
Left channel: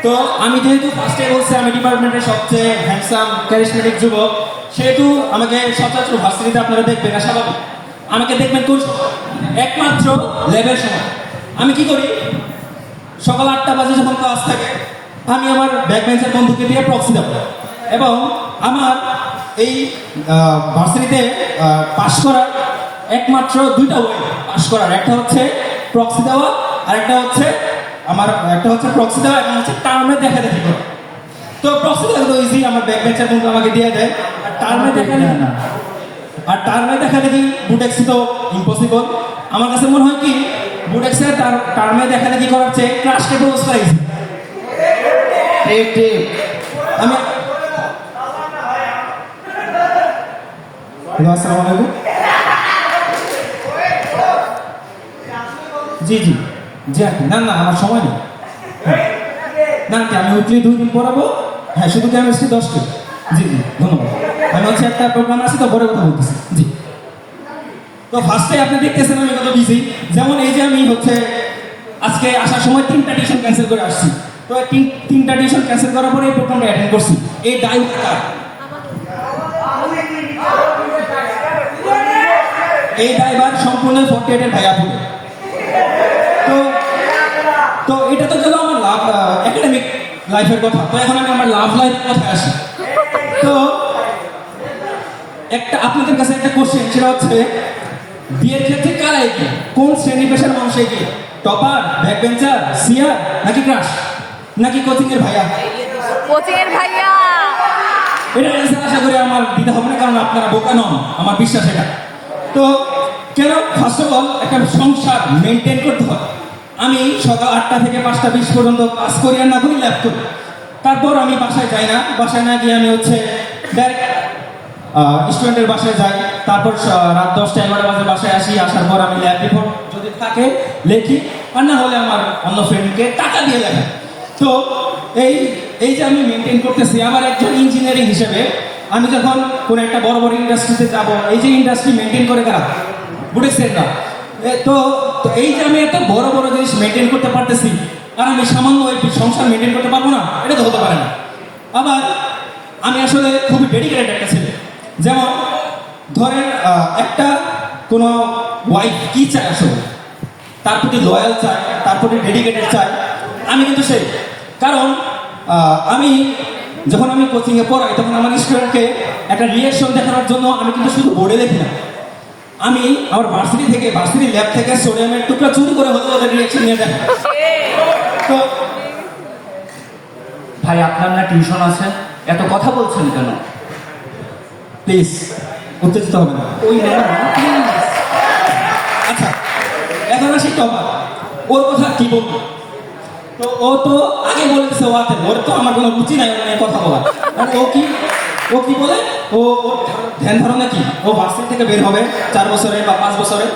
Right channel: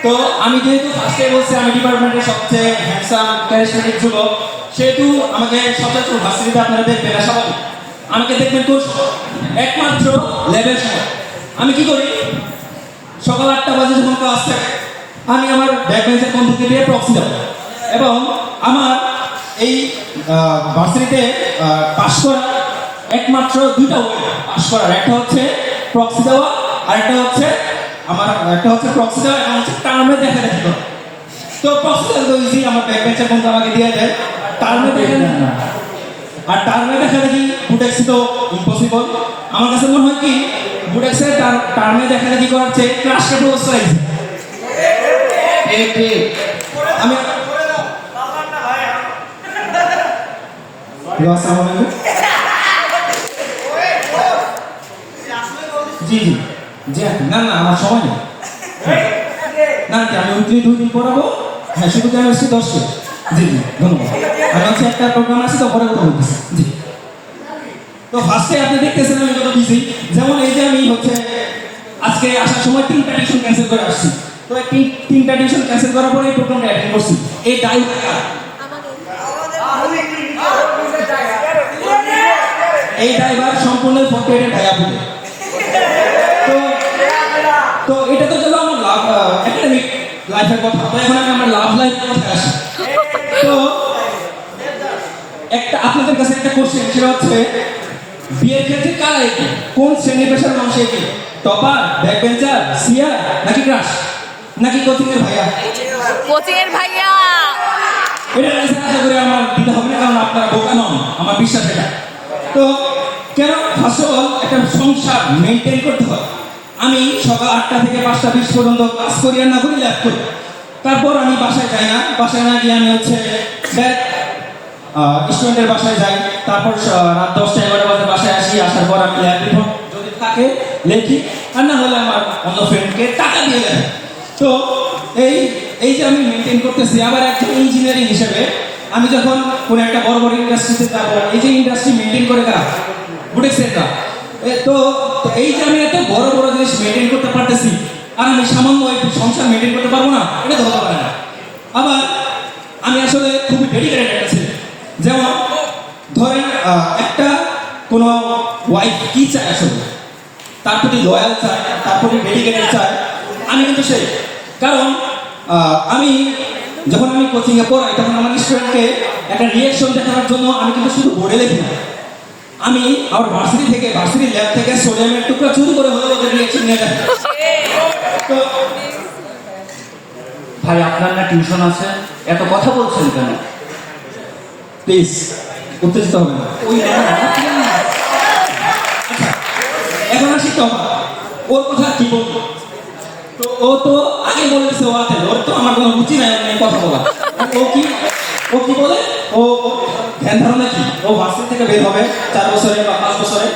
তো আমি যেহেতু ফার্স্টে বলছি আমি ডিপার্টমেন্টের সবচেয়ে হ্যান্ডসাম কারিশমেটিক যুবক, সেহেতু আমাকে সচরাচর ভার্সিটিতে আপনারা দেখবেন না, স্বাভাবিক। আমাকে দেখবেন কোন একমাত্র লেভেল সময়। আমি কি করি, সকাল 8টা বাজে যখন ক্লাস থাকে আমি আমার ব্যাকবেঞ্চের বন্ধুকে দিয়ে প্রক্সি দেব, এবং আমার এই ভার্সিটিতে পাস করার একমাত্র দুইটা ওয়ে পাস করার, একটা হচ্ছে প্রক্সি দেওয়া আর একটা হচ্ছে প্রক্সি দেওয়া, একটা হচ্ছে টার্মে দেখা দেখি করা। তো প্রক্সি দেওয়া তো ইজি, আমার ব্যাক বেঞ্চের বন্ধু আমাকে দিয়ে দেয়। টার্মে দেখা না, আর টার্মে দেখা দেখি বুটেক্সি তো ইম্পসিবল। আমার কাছে মনে হয় কি বুটেক্সের টার্মে দেখা দেখি করার চেয়ে ক্রাশকে প্রপোজ পাইছে। ঠিক আমি হ্যালো, আসসালামু আলাইকুম। জি জি জি আন্টি, না না আমার সময় নেই। হ্যাঁ। না আন্টি, আমি উইকলি 2 দিন পড়াবো। হ্যাঁ, শুধু কেমিস্ট্রি 10টি। জি জি ধন্যবাদ। আমি হচ্ছে একটা প্রোগ্রাম আছে তো পরে কথা বলতেছি। জি। তো ফার্স্টে আপনি দেখতেছেন আমি কত বিজি। যেমন এই যে আমি হচ্ছে আজকে আসার সময় 3টা টিউশন ক্যান্সেল করে আসছি। তো এই 3টা টিউশন ক্যান্সেল করার পরে এই প্রোগ্রামটা অ্যাটেন্ড করছি। এই দায়িত্বটা এই ড্রাইভার সম্পূর্ণ 48 ভাইয়া বলে। তো তো এটা তো গেল আমার লাভ একাডেমিক লাইফের কথা। তো এখন আমি আমার লাভ লাইফের কথা আসি। তো একটা আপনাদের কাছে একটা কোশ্চেন, সেটা হচ্ছে বিয়ের ক্ষেত্রে কারা এগিয়ে, কোন শ্রেণী পেশার মানুষ এগিয়ে? টপার, ব্যাক বেঞ্চার, সিয়ার, নাকি ক্রাশ, নাকি কোচিং এর ভাইয়া? কোচিং এর ভাইয়া। এটা আনসার আশা করি আমার দিতে হবে না, কারণ আপনারা বোকা নন, আমার বিশ্বাস এটা। তো কেন? ফার্স্ট অফ অল একটা সংসার মেনটেন করতে হয়। আমি সকাল 8টা থেকে 5টা 20 পর্যন্ত কাজ করি আর না করি ল্যাব করি। তারপর আমি বাসায় যাই না, বাসায় না গিয়ে আমি হচ্ছে স্টুডেন্টের বাসায় যাই। তারপর রাত 10টা 11টা বাজে বাসায় আসি। আসার পর আমি ল্যাব রিপোর্ট যদি থাকে লেখি, আর না হলে আমার অন্য ফ্রেন্ডকে টাকা দিয়ে লেখি। তো এই যে আমি মেনটেন করতেছি, আবার একজন ইঞ্জিনিয়ারিং হিসেবে আমি যখন কোনো একটা বড় বড় ইন্ডাস্ট্রিতে যাবো, এই যে ইন্ডাস্ট্রি মেনটেন করে কারা? বুটিক্সের না। তো এই যে আমি এত বড় বড় জিনিস মেনটেন করতে পারতেছি, আর আমি সামান্য একটু সংসার মেনটেন করতে পারবো না, এটা তো হতে পারে না। আবার আমি আসলে খুবই ডেডিকেটেড একটা ছেলে। যেমন ধরেন একটা কোনো ওয়াইফ কি চায় আসলে, তার প্রতি লয়াল চায়, তার প্রতি ডেডিকেটেড চায়। আমি কিন্তু সেই, কারণ আমি যখন আমি কোচিংয়ে পড়াই তখন আমার স্টুডেন্টকে একটা রিয়েকশন দেখানোর জন্য আমি কিন্তু শুধু বোর্ডে লিখি না, আমি আমার ভার্সিটি ল্যাব থেকে সোডিয়ামের টুকরা চুরি করে হলে ওদের রিয়েকশন নিয়ে নেয়। তো ভাই আপনার না টিউশন আছে, এত কথা বলছেন কেন? প্লিজ উত্তেজিত হবে না। ওই না, আচ্ছা, এখন আসি টপা, ওর কথা কি বলবো? তো ও তো আগে বলেছে ওর তো আমার কোনো রুচি নাই অনেক কথা বলা। ও কি বলে, ও ধ্যান ধারণা কি, ও ভার্সিটি থেকে বের হবে 4 বছরে বা 5 বছরে,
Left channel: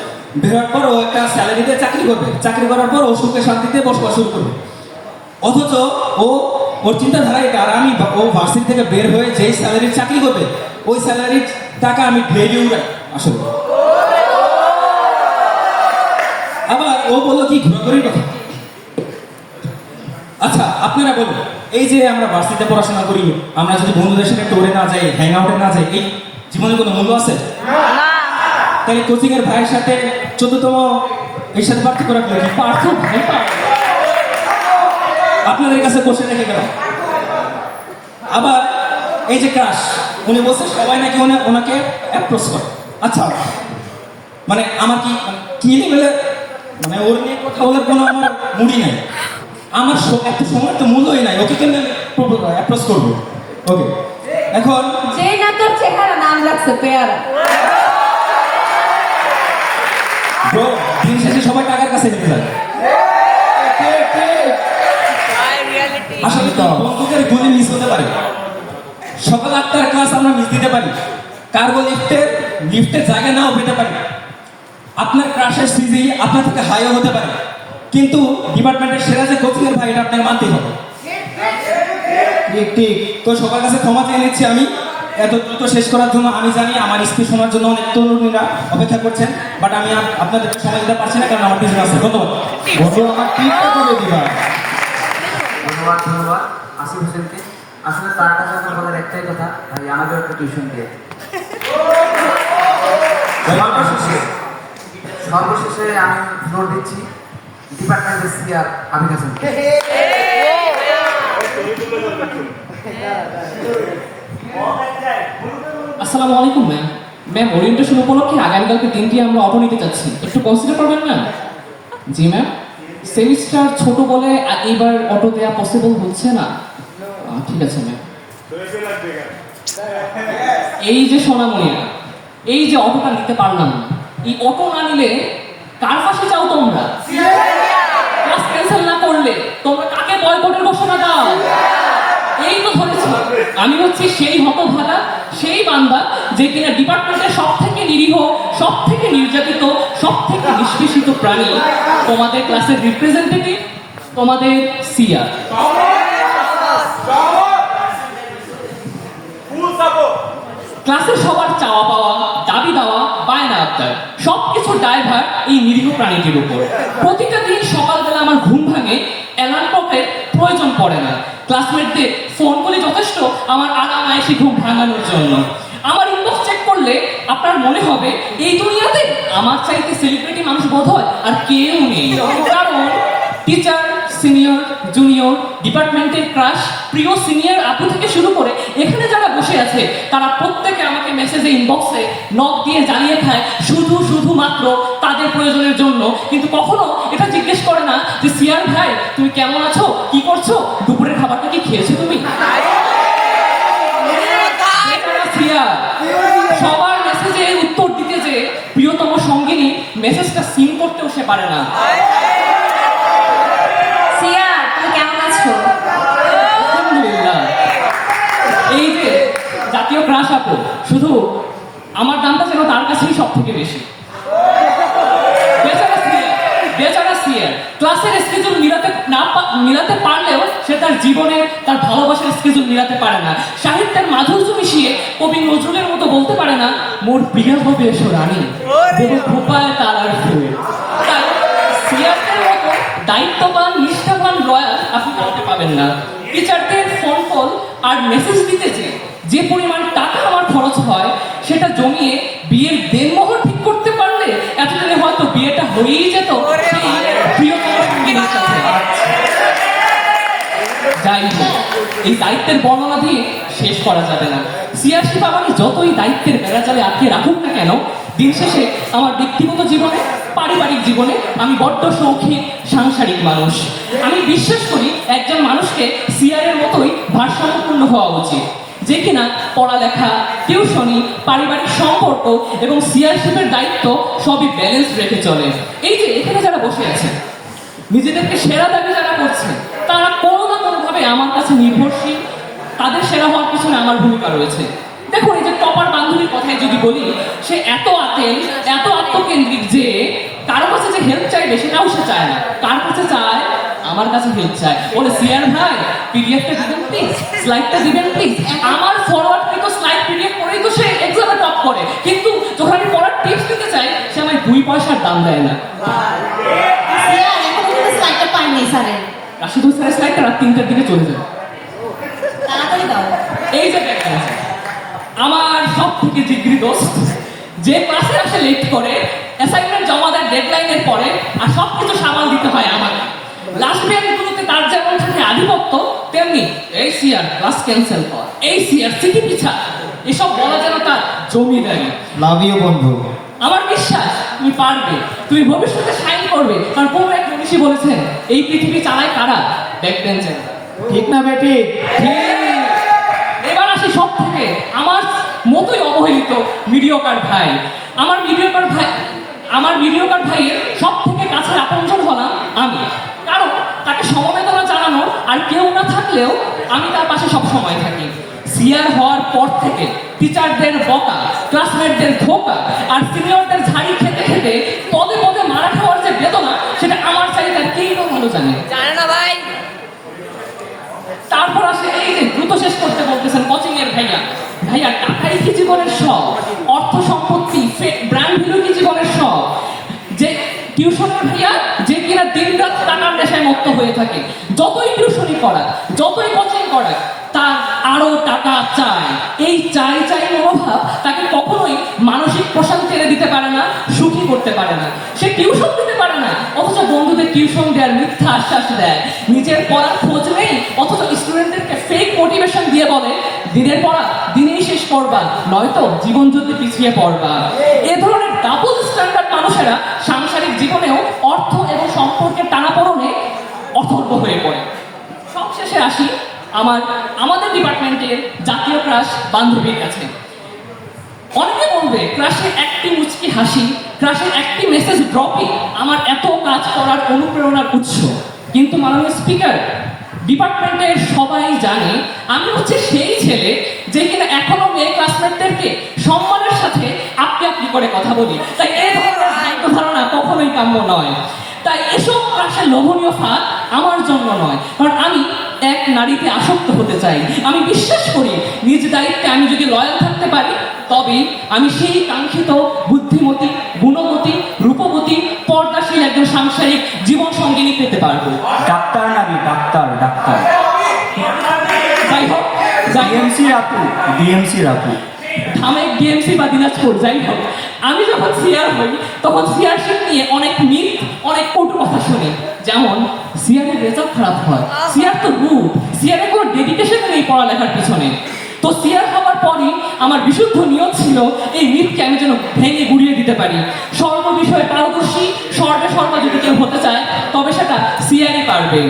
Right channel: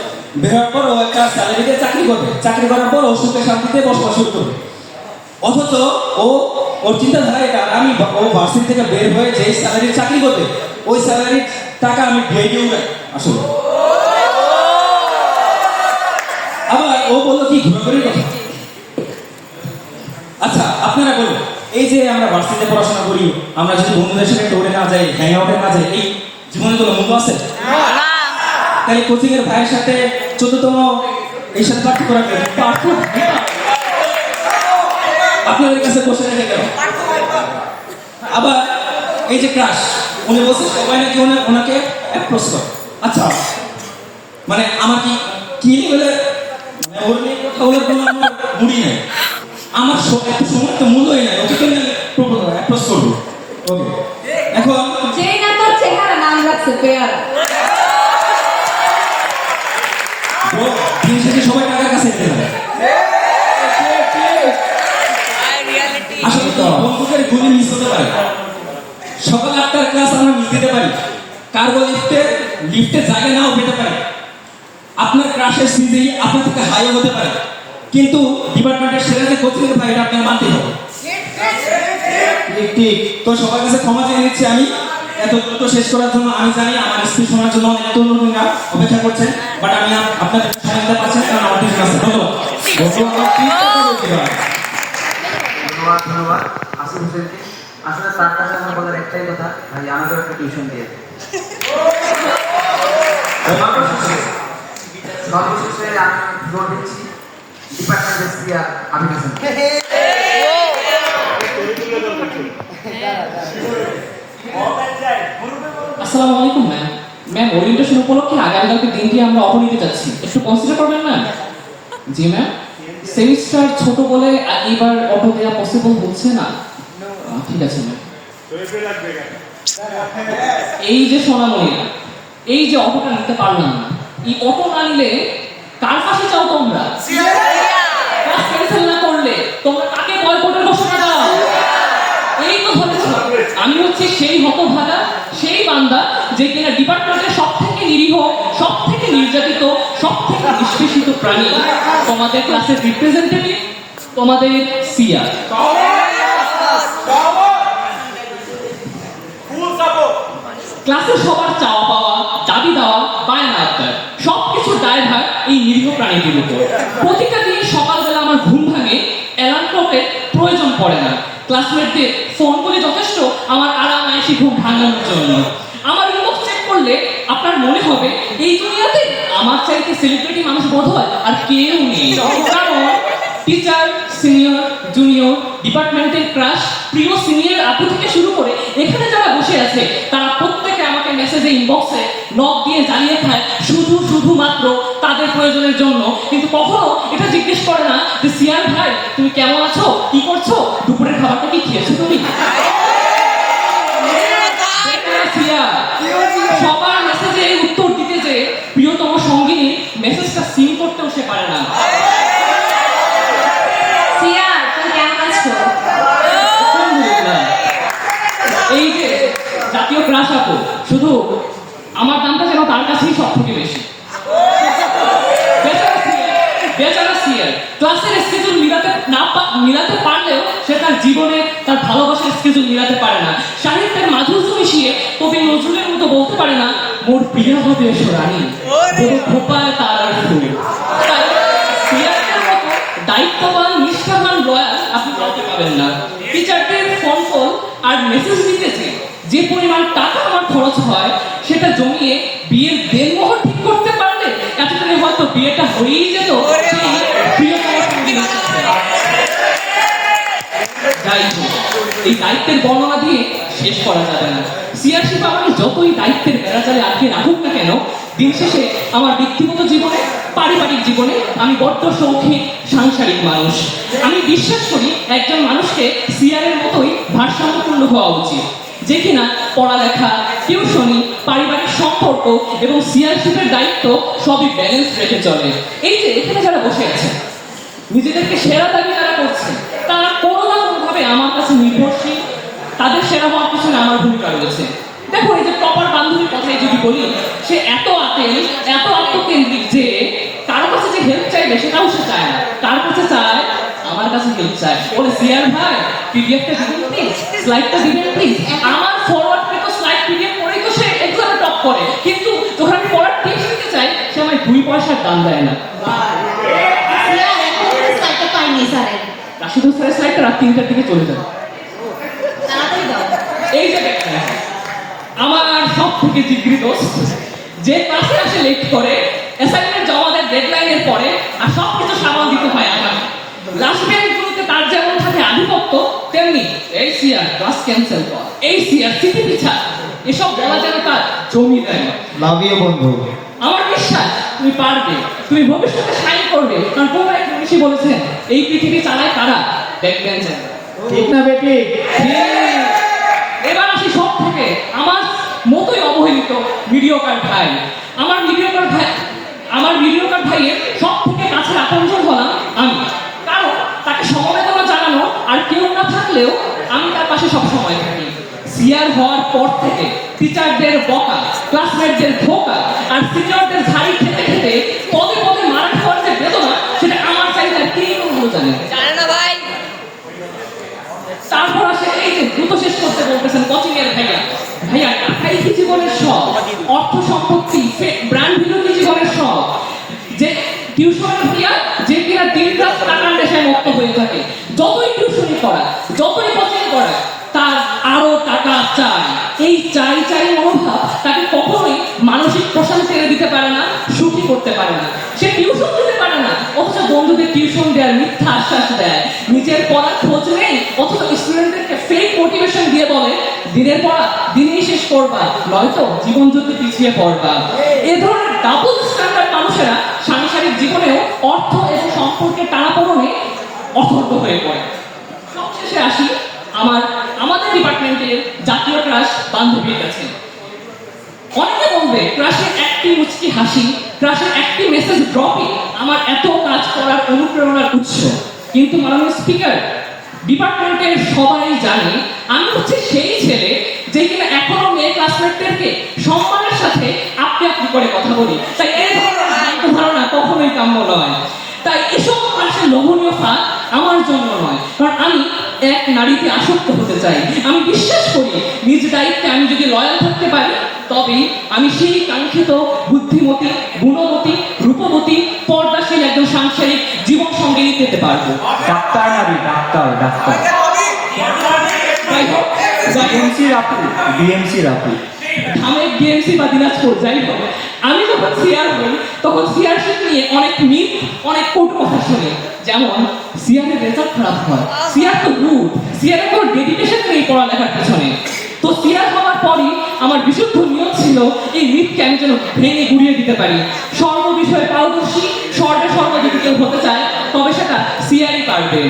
বের হওয়ার পর ও একটা স্যালারিতে চাকরি করবে, চাকরি করার পর ও সুখে শান্তিতে বসবাস শুরু করবে। অথচ ওর চিন্তাধারা এটা, আর আমি ও ভার্সিটি থেকে বের হয়ে যে স্যালারির চাকরি করবে, ওই স্যালারির টাকা আমি ভেড়ে উড়াই আসলে। আবার ও বললো কি ঘোরাঘুরির কথা। আচ্ছা আপনারা বলুন, এই যে আমরা ভার্সিটিতে পড়াশোনা করি, আমরা যদি বন্ধুদের সঙ্গে টোরে না যাই, হ্যাং আউটে না যাই, এই জীবনে কোনো মূল্য আছে? না। তাই কোচিং এর ভাইয়ের সাথে 14তম এই সাথে পার্থক্য রাখবেন, আপনাদের কাছে বসে রেখে গেল। আবার এই যে ক্রাশ, উনি বলছে সবাই নাকি ওনাকে অ্যাপ্রোচ করে। আচ্ছা মানে আমার কি বলে, মানে ওর নিয়ে কথা বলার কোনো আমার মুড়ি নেই, আমার এত সময় তো মূল্যই নাই, ওকে কেন অ্যাপ্রোচ করবো? ওকে, এখন যে না তোর চেহারা নাম রাখছে পেয়ার। ব্রো, দিন শেষে সবাই টাকার কাছে নিতে হয়। আসলে তো বন্ধুদের গুলি মিস হতে পারে। সকাল 8টার ক্লাস আমরা মিস দিতে পারি, কার্গো লিফটে জায়গা নাও পেতে পারি, আপনার ক্রাশের সিজি আপনার থেকে হাইও হতে পারে, কিন্তু ডিপার্টমেন্টের সেরা যে কোচিং এর ভাই, এটা আপনার মানতেই হবে। ঠিক। তো সবার কাছে ক্ষমা চেয়ে নিচ্ছি আমি এত দ্রুত শেষ করার জন্য। আমি জানি আমার স্পিচ শোনার জন্য অনেক তরুণরা অপেক্ষা করছেন, বাট আমি আপনাদের সময় দিতে পারছি না, কারণ আমার কিছু আছে। ধন্যবাদ আসিফ হোসেনকে। আসলে তার কাছে আমার বলার একটাই কথা, ভাই আমাদের একটা টিউশন দিয়ে সর্বশেষে আমি ফ্লোর দিচ্ছি ডিপার্টমেন্টের সিআর আবিদ হাসান। আসসালামু আলাইকুম ম্যাম। ওরিয়েন্টেশন উপলক্ষে আগামীকালকে দিনটি আমরা অপর নিতে যাচ্ছি, একটু কনসিডার করবেন না? জি ম্যাম, সেমিস্টার ছোট বলে এবার অটো দেওয়া পসিবল হচ্ছে না। ঠিক আছে ম্যাম। এই যে সোনামণিরা, এই যে অটোটা নিতে পারলাম না, এই অটো না নিলে কার ফাঁসি চাও তোমরা? ক্লাস ক্যান্সেল না করলে তোমরা কাকে বয়কটের ঘোষণা দাও? এই তো ধরেছি, আমি হচ্ছে সেই হতভাগা, সেই বান্দা যে কিনা ডিপার্টমেন্টের সব থেকে নিরীহ, সব থেকে নির্যাতিত, সব থেকে নিষ্পেষিত প্রাণী, তোমাদের ক্লাসের রিপ্রেজেন্টেটিভ, তোমাদের সিয়া। ক্লাসে সবার চাওয়া পাওয়া, দাবি দেওয়া, বায়না আবদার সবকিছু দায়ভার এই নিরীহ প্রাণীটির উপর। প্রতিটা দিন সকালবেলা আমার ঘুম ভাঙে, অ্যালার্ম ক্লকের প্রয়োজন পড়ে না। ক্লাসমেটদের ফোন করে যথেষ্ট আমার আরাম আয়েসি ঘুম ভাঙানোর জন্য। আমার ইনবক্স চেক করলে আপনার মনে হবে এই দুনিয়াতে আমার চাইতে সেলিব্রিটি মানুষ বোধ হয় আর কেউ নেই। কারণ টিচার, সিনিয়র, জুনিয়র, ডিপার্টমেন্টের ক্রাশ, প্রিয় সিনিয়র আপু থেকে শুরু করে এখানে যারা বসে আছে তারা প্রত্যেকে আমাকে মেসেজে, ইনবক্সে নক দিয়ে জানিয়ে খায় শুধুমাত্র তাদের প্রয়োজনের জন্য। কিন্তু কখনো এটা জিজ্ঞেস করে না যে সিয়ার ভাই তুমি কেমন আছো, কি করছো, দুপুরের খাবারটা কি খেয়েছো তুমি? সিয়া সবার মেসেজে উত্তর দিতে যে প্রিয়তম সঙ্গিনী মেসেজটা সিন করতেও সে পারে না। সিয়া, তুমি কেমন আছো? আলহামদুলিল্লাহ। এই যে জাতীয় ক্রাশ আপু, শুধু আমার দামটা যেন তার কাছেই সব থেকে বেশি। বেচারা সিয়া ক্লাসের স্কেজুল মিলাতে পারলেও সে তার জীবনে তার ভালোবাসার স্কেজুল মিলাতে পারে না। সাহিত্যের মাধুর্য মিশিয়ে কবি নজরুলের মতো বলতে পারে না মোর প্রিয় হবে এসো রানী, বহু খোপায় তার আর ফুল। সিয়ারের মতো দায়িত্ববান, নিষ্ঠাবান, রয়্যাল আপনি কাউকে পাবেন না। টিচারদের ফোন কল আর মেসেজ দিতেছে যে পরিমাণ টাকা আমার খরচ হয় সেটা জমিয়ে বিয়ের দেনমোহর ঠিক করতে পারলে এতদিনে হয়তো বিয়েটা হয়েই যেত সেই প্রিয়তম সঙ্গীর সাথে। যাই হোক, এই দায়িত্বের বর্ণনা দিয়ে শেষ করা যাবে না। সিয়ার শিপা আমাকে যতই দায়িত্বের বেড়াজালে আটকে রাখুক না কেন, দিন শেষে আমার ব্যক্তিগত জীবনে, পারিবারিক জীবনে আমি বড্ড শৌখিন সাংসারিক মানুষ। আমি বিশ্বাস করি একজন মানুষকে সিয়ারের মতোই ভারসাম্যপূর্ণ হওয়া উচিত, যে কিনা পড়ালেখা, টিউশনি, পারিবারিক সম্পর্ক এবং সিয়ারশিপের দায়িত্ব সবই ব্যালেন্স রেখে চলে। এই যে এখানে যারা বসে আছে, নিজেদেরকে সেরা দাবি যারা করছে, তারা কোনো না কোনোভাবে আমার কাছে নির্ভরশীল। তাদের সেরা হওয়ার পিছনে আমার ভূমিকা রয়েছে। দেখুন, এই যে কপার বান্ধবীর কথাই যদি বলি, সে এত আতেল, এত আত্মকেন্দ্রিক যে কারো কাছে যে হেল্প চাইবে সেটাও সে চায় না। কার কাছে চায়? আমার কাছে হেল্প চায়। বলে সিয়ার ভাই পিডিএফটা দিবেন প্লিজ, স্লাইডটা দিবেন প্লিজ। আমার ফরওয়ার্ড কৃত স্লাইড পিডিএফ করেই তো সে এক্সামে টপ করে, কিন্তু যখন আমি পড়ার টিপস দিতে চাই সে আমায় 2 পয়সার দাম দেয় না। সিয়া, এখন তো স্লাইডটা পাইনি স্যারের। শুধু স্লাইডটা রাত 3টার দিকে চলে যায়। তাড়াতাড়ি দাও। এই যে দেখেন, আমার সব থেকে জিগরি দোস্ত যে ক্লাসে আসে লেট করে, অ্যাসাইনমেন্ট জমা দেয় ডেডলাইনের পরে, আর সব কিছু সামাল দিতে হয় আমার। লাস্ট বেঞ্চগুলোতে তার যেমন সাথে আধিপত্য, তেমনি এই সিয়ার ক্লাস ক্যান্সেল কর, এই সিয়ার সিটি পিছা, এসব বলা যেন তার জমি দেয়। লাভ ইউ বন্ধু। আমার বিশ্বাস তুমি পারবে, তুমি ভবিষ্যতে শাইন করবে। কারণ কোন এক মনীষী বলেছেন এই পৃথিবী চালায় কারা? Back bencher. ঠিক না বেটি? এবার আসি সব থেকে আমার মতোই অবহেলিত মিডিওকার ভাই। আমার মিডিওকার ভাইয়ের সব থেকে কাছে আপনজন হলাম আমি। কারণ তাকে সমবেদনা জানানো আর কেউ না থাকলেও আমি তার পাশে সব সময় থাকি। সিয়ার হওয়ার পর থেকে টিচারদের বকা, ক্লাসমেটদের ধোকা আর সিনিয়রদের ঝাড়ি খেতে খেতে পদে পদে মারা খাওয়ার যে বেদনা, সেটা আমার চাইতে কেউ ভালো জানে। তারপর আসে এই যে দ্রুত শেষ করতে বলতেছেন কোচিং এর ভাইয়া। টাকাই কি জীবনের সব? অর্থ সম্পত্তি, ব্র্যান্ড ভ্যালু কি জীবনের সব? যে টিউশন ভাইয়া যে কিনা দিন রাত টাকার নেশায় মত্ত হয়ে থাকে, যতই টিউশনি করা, যতই কোচিং করা, তার আরো টাকা চাই। এই চাই মনোভাব তাকে কখনোই মানসিক প্রশান্তি এনে দিতে পারে না, সুখী করতে পারে না। সে টিউশন দিতে পারে না, অথচ বন্ধুদের টিউশন দেওয়ার মিথ্যা আশ্বাস দেয়। নিজের পড়ার খোঁজ নেই, অথচ স্টুডেন্টদেরকে ফেক মোটিভেশন দিয়ে বলে দিনের পড়া দিনেই শেষ করবা, নয়তো জীবন যুদ্ধে পিছিয়ে পড়বা। এ ধরনের ডাবল স্ট্যান্ডার্ড মানুষেরা সাংসারিক জীবনেও অর্থ এবং অথর্ব হয়ে পড়ে। সবশেষে আসি আমাদের ডিপার্টমেন্টের জাতীয় ক্রাশ বান্ধবীর কাছে। অনেকে বলবে ক্রাশের একটি মুচকি হাসি, ক্রাশের একটি মেসেজ ড্রপই আমার এত কাজ করার অনুপ্রেরণার উৎস। কিন্তু মাননীয় স্পিকার, ডিপার্টমেন্টের সবাই জানে আমি হচ্ছে সেই ছেলে যে কিনা এখনো মেয়ে ক্লাসমেটদেরকে সম্মানের সাথে আপনি আপনি করে কথা বলি। তাই এই ধরনের ভ্রান্ত ধারণা কখনোই কাম্য নয়। তাই এসব ক্লাসের লোভনীয় ফাঁদ আমার জন্য নয়, কারণ আমি এক নারীতে আসক্ত হতে চাই। আমি বিশ্বাস করি নিজ দায়িত্বে আমি যদি লয়াল থাকতে পারি তবেই আমি সেই কাঙ্ক্ষিত বুদ্ধিমতী, গুণবতী, রূপবতী, পর্দাশীল একজন সাংসারিক জীবন সঙ্গিনী পেতে পারবো। ডাক্তার নাবি, ডাক্তার ডাক্তার যাই হোক, ডিএমসি রাখু, ডিএমসি রাখু। ঢামেক ডিএমসি বা দিনাজপুর যাই হোক, আমি যখন সিআর হই তখন সিআরশিপ নিয়ে অনেক মিথ, অনেক কটু কথা শুনি। যেমন সিআরের রেজাল্ট খারাপ হয়, সিআর তো গুড, সিআরের কোনো ডেডিকেশন নেই পড়ালেখার পেছনে। তো সিআর হওয়ার পরই আমার বিশুদ্ধ নিয়ম ছিল এই মিথকে আমি যেন ভেঙে গুড়িয়ে দিতে পারি। সর্ব বিষয়ে পারদর্শী, সর্বে সর্ব যদি কেউ হতে চায় তবে সেটা সিআরই পারবে।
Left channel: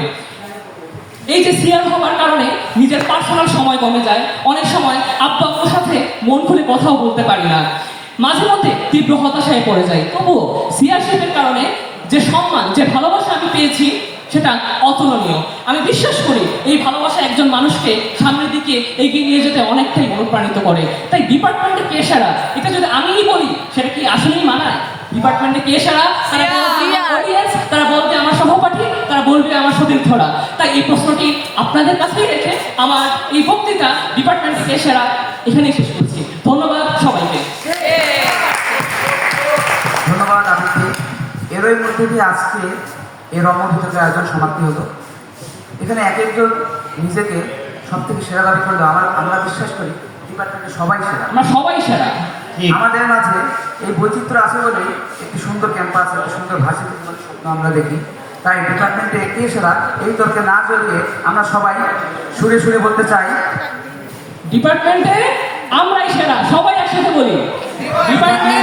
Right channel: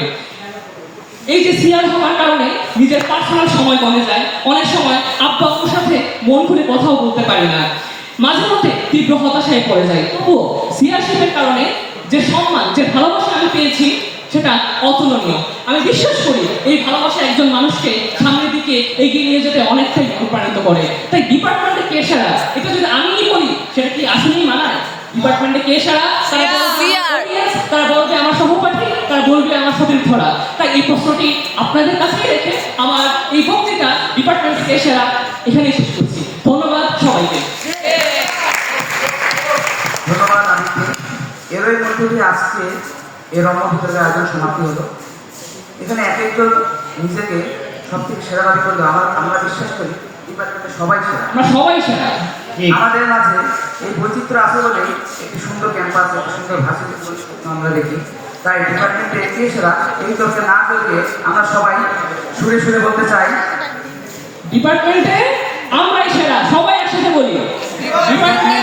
এই যে সিআর হওয়ার কারণে নিজের পার্সোনাল সময় কমে যায়, অনেক সময় আব্বা আম্মুর সাথে মন খুলে কথাও বলতে পারি না, মাঝে মধ্যে তীব্র হতাশায় পড়ে যায়। তবুও সিআরশিপের কারণে যে সম্মান, যে ভালোবাসা আমি পেয়েছি সেটা অতুলনীয়। আমি বিশ্বাস করি এই ভালোবাসা একজন মানুষকে সামনের দিকে এগিয়ে নিয়ে যেতে অনেকটাই অনুপ্রাণিত করে। তাই ডিপার্টমেন্টে কে সারা, এটা যদি আমিই বলি সেটা কি আসলেই মানায়? ডিপার্টমেন্টে কে সারা, তারা বলবে আমার সহপাঠী, তারা বলবে আমার সতীর্থরা। তাই এই প্রশ্নটি আপনাদের কাছে রেখে আমার এই বক্তৃতা ডিপার্টমেন্টে কে সারা এখানেই শেষ করছি। ধন্যবাদ সবাইকে। ধন্যবাদ আদিকে। এরই মধ্যে দিয়ে আজকে এর রণভূমিতে আয়োজন সমাপ্তি হলো। এখানে এক একজন নিজেকে সব থেকে সেরা দাবি করলো। আমরা বিশ্বাস করি ডিপার্টমেন্টের সবাই সেরা, আমরা সবাই সারা। আমাদের মাঝে এই বৈচিত্র্য আছে বলেই একটি সুন্দর ক্যাম্পাস, একটি সুন্দর ভাষা আমরা দেখি। তাই ডিপার্টমেন্টে কে সেরা এই তর্কে না জড়িয়ে আমরা সবাই সুরে সুরে বলতে চাই, ডিপার্টমেন্টে আমরাই সেরা, সবাই একসাথে বলি ডিপার্টমেন্ট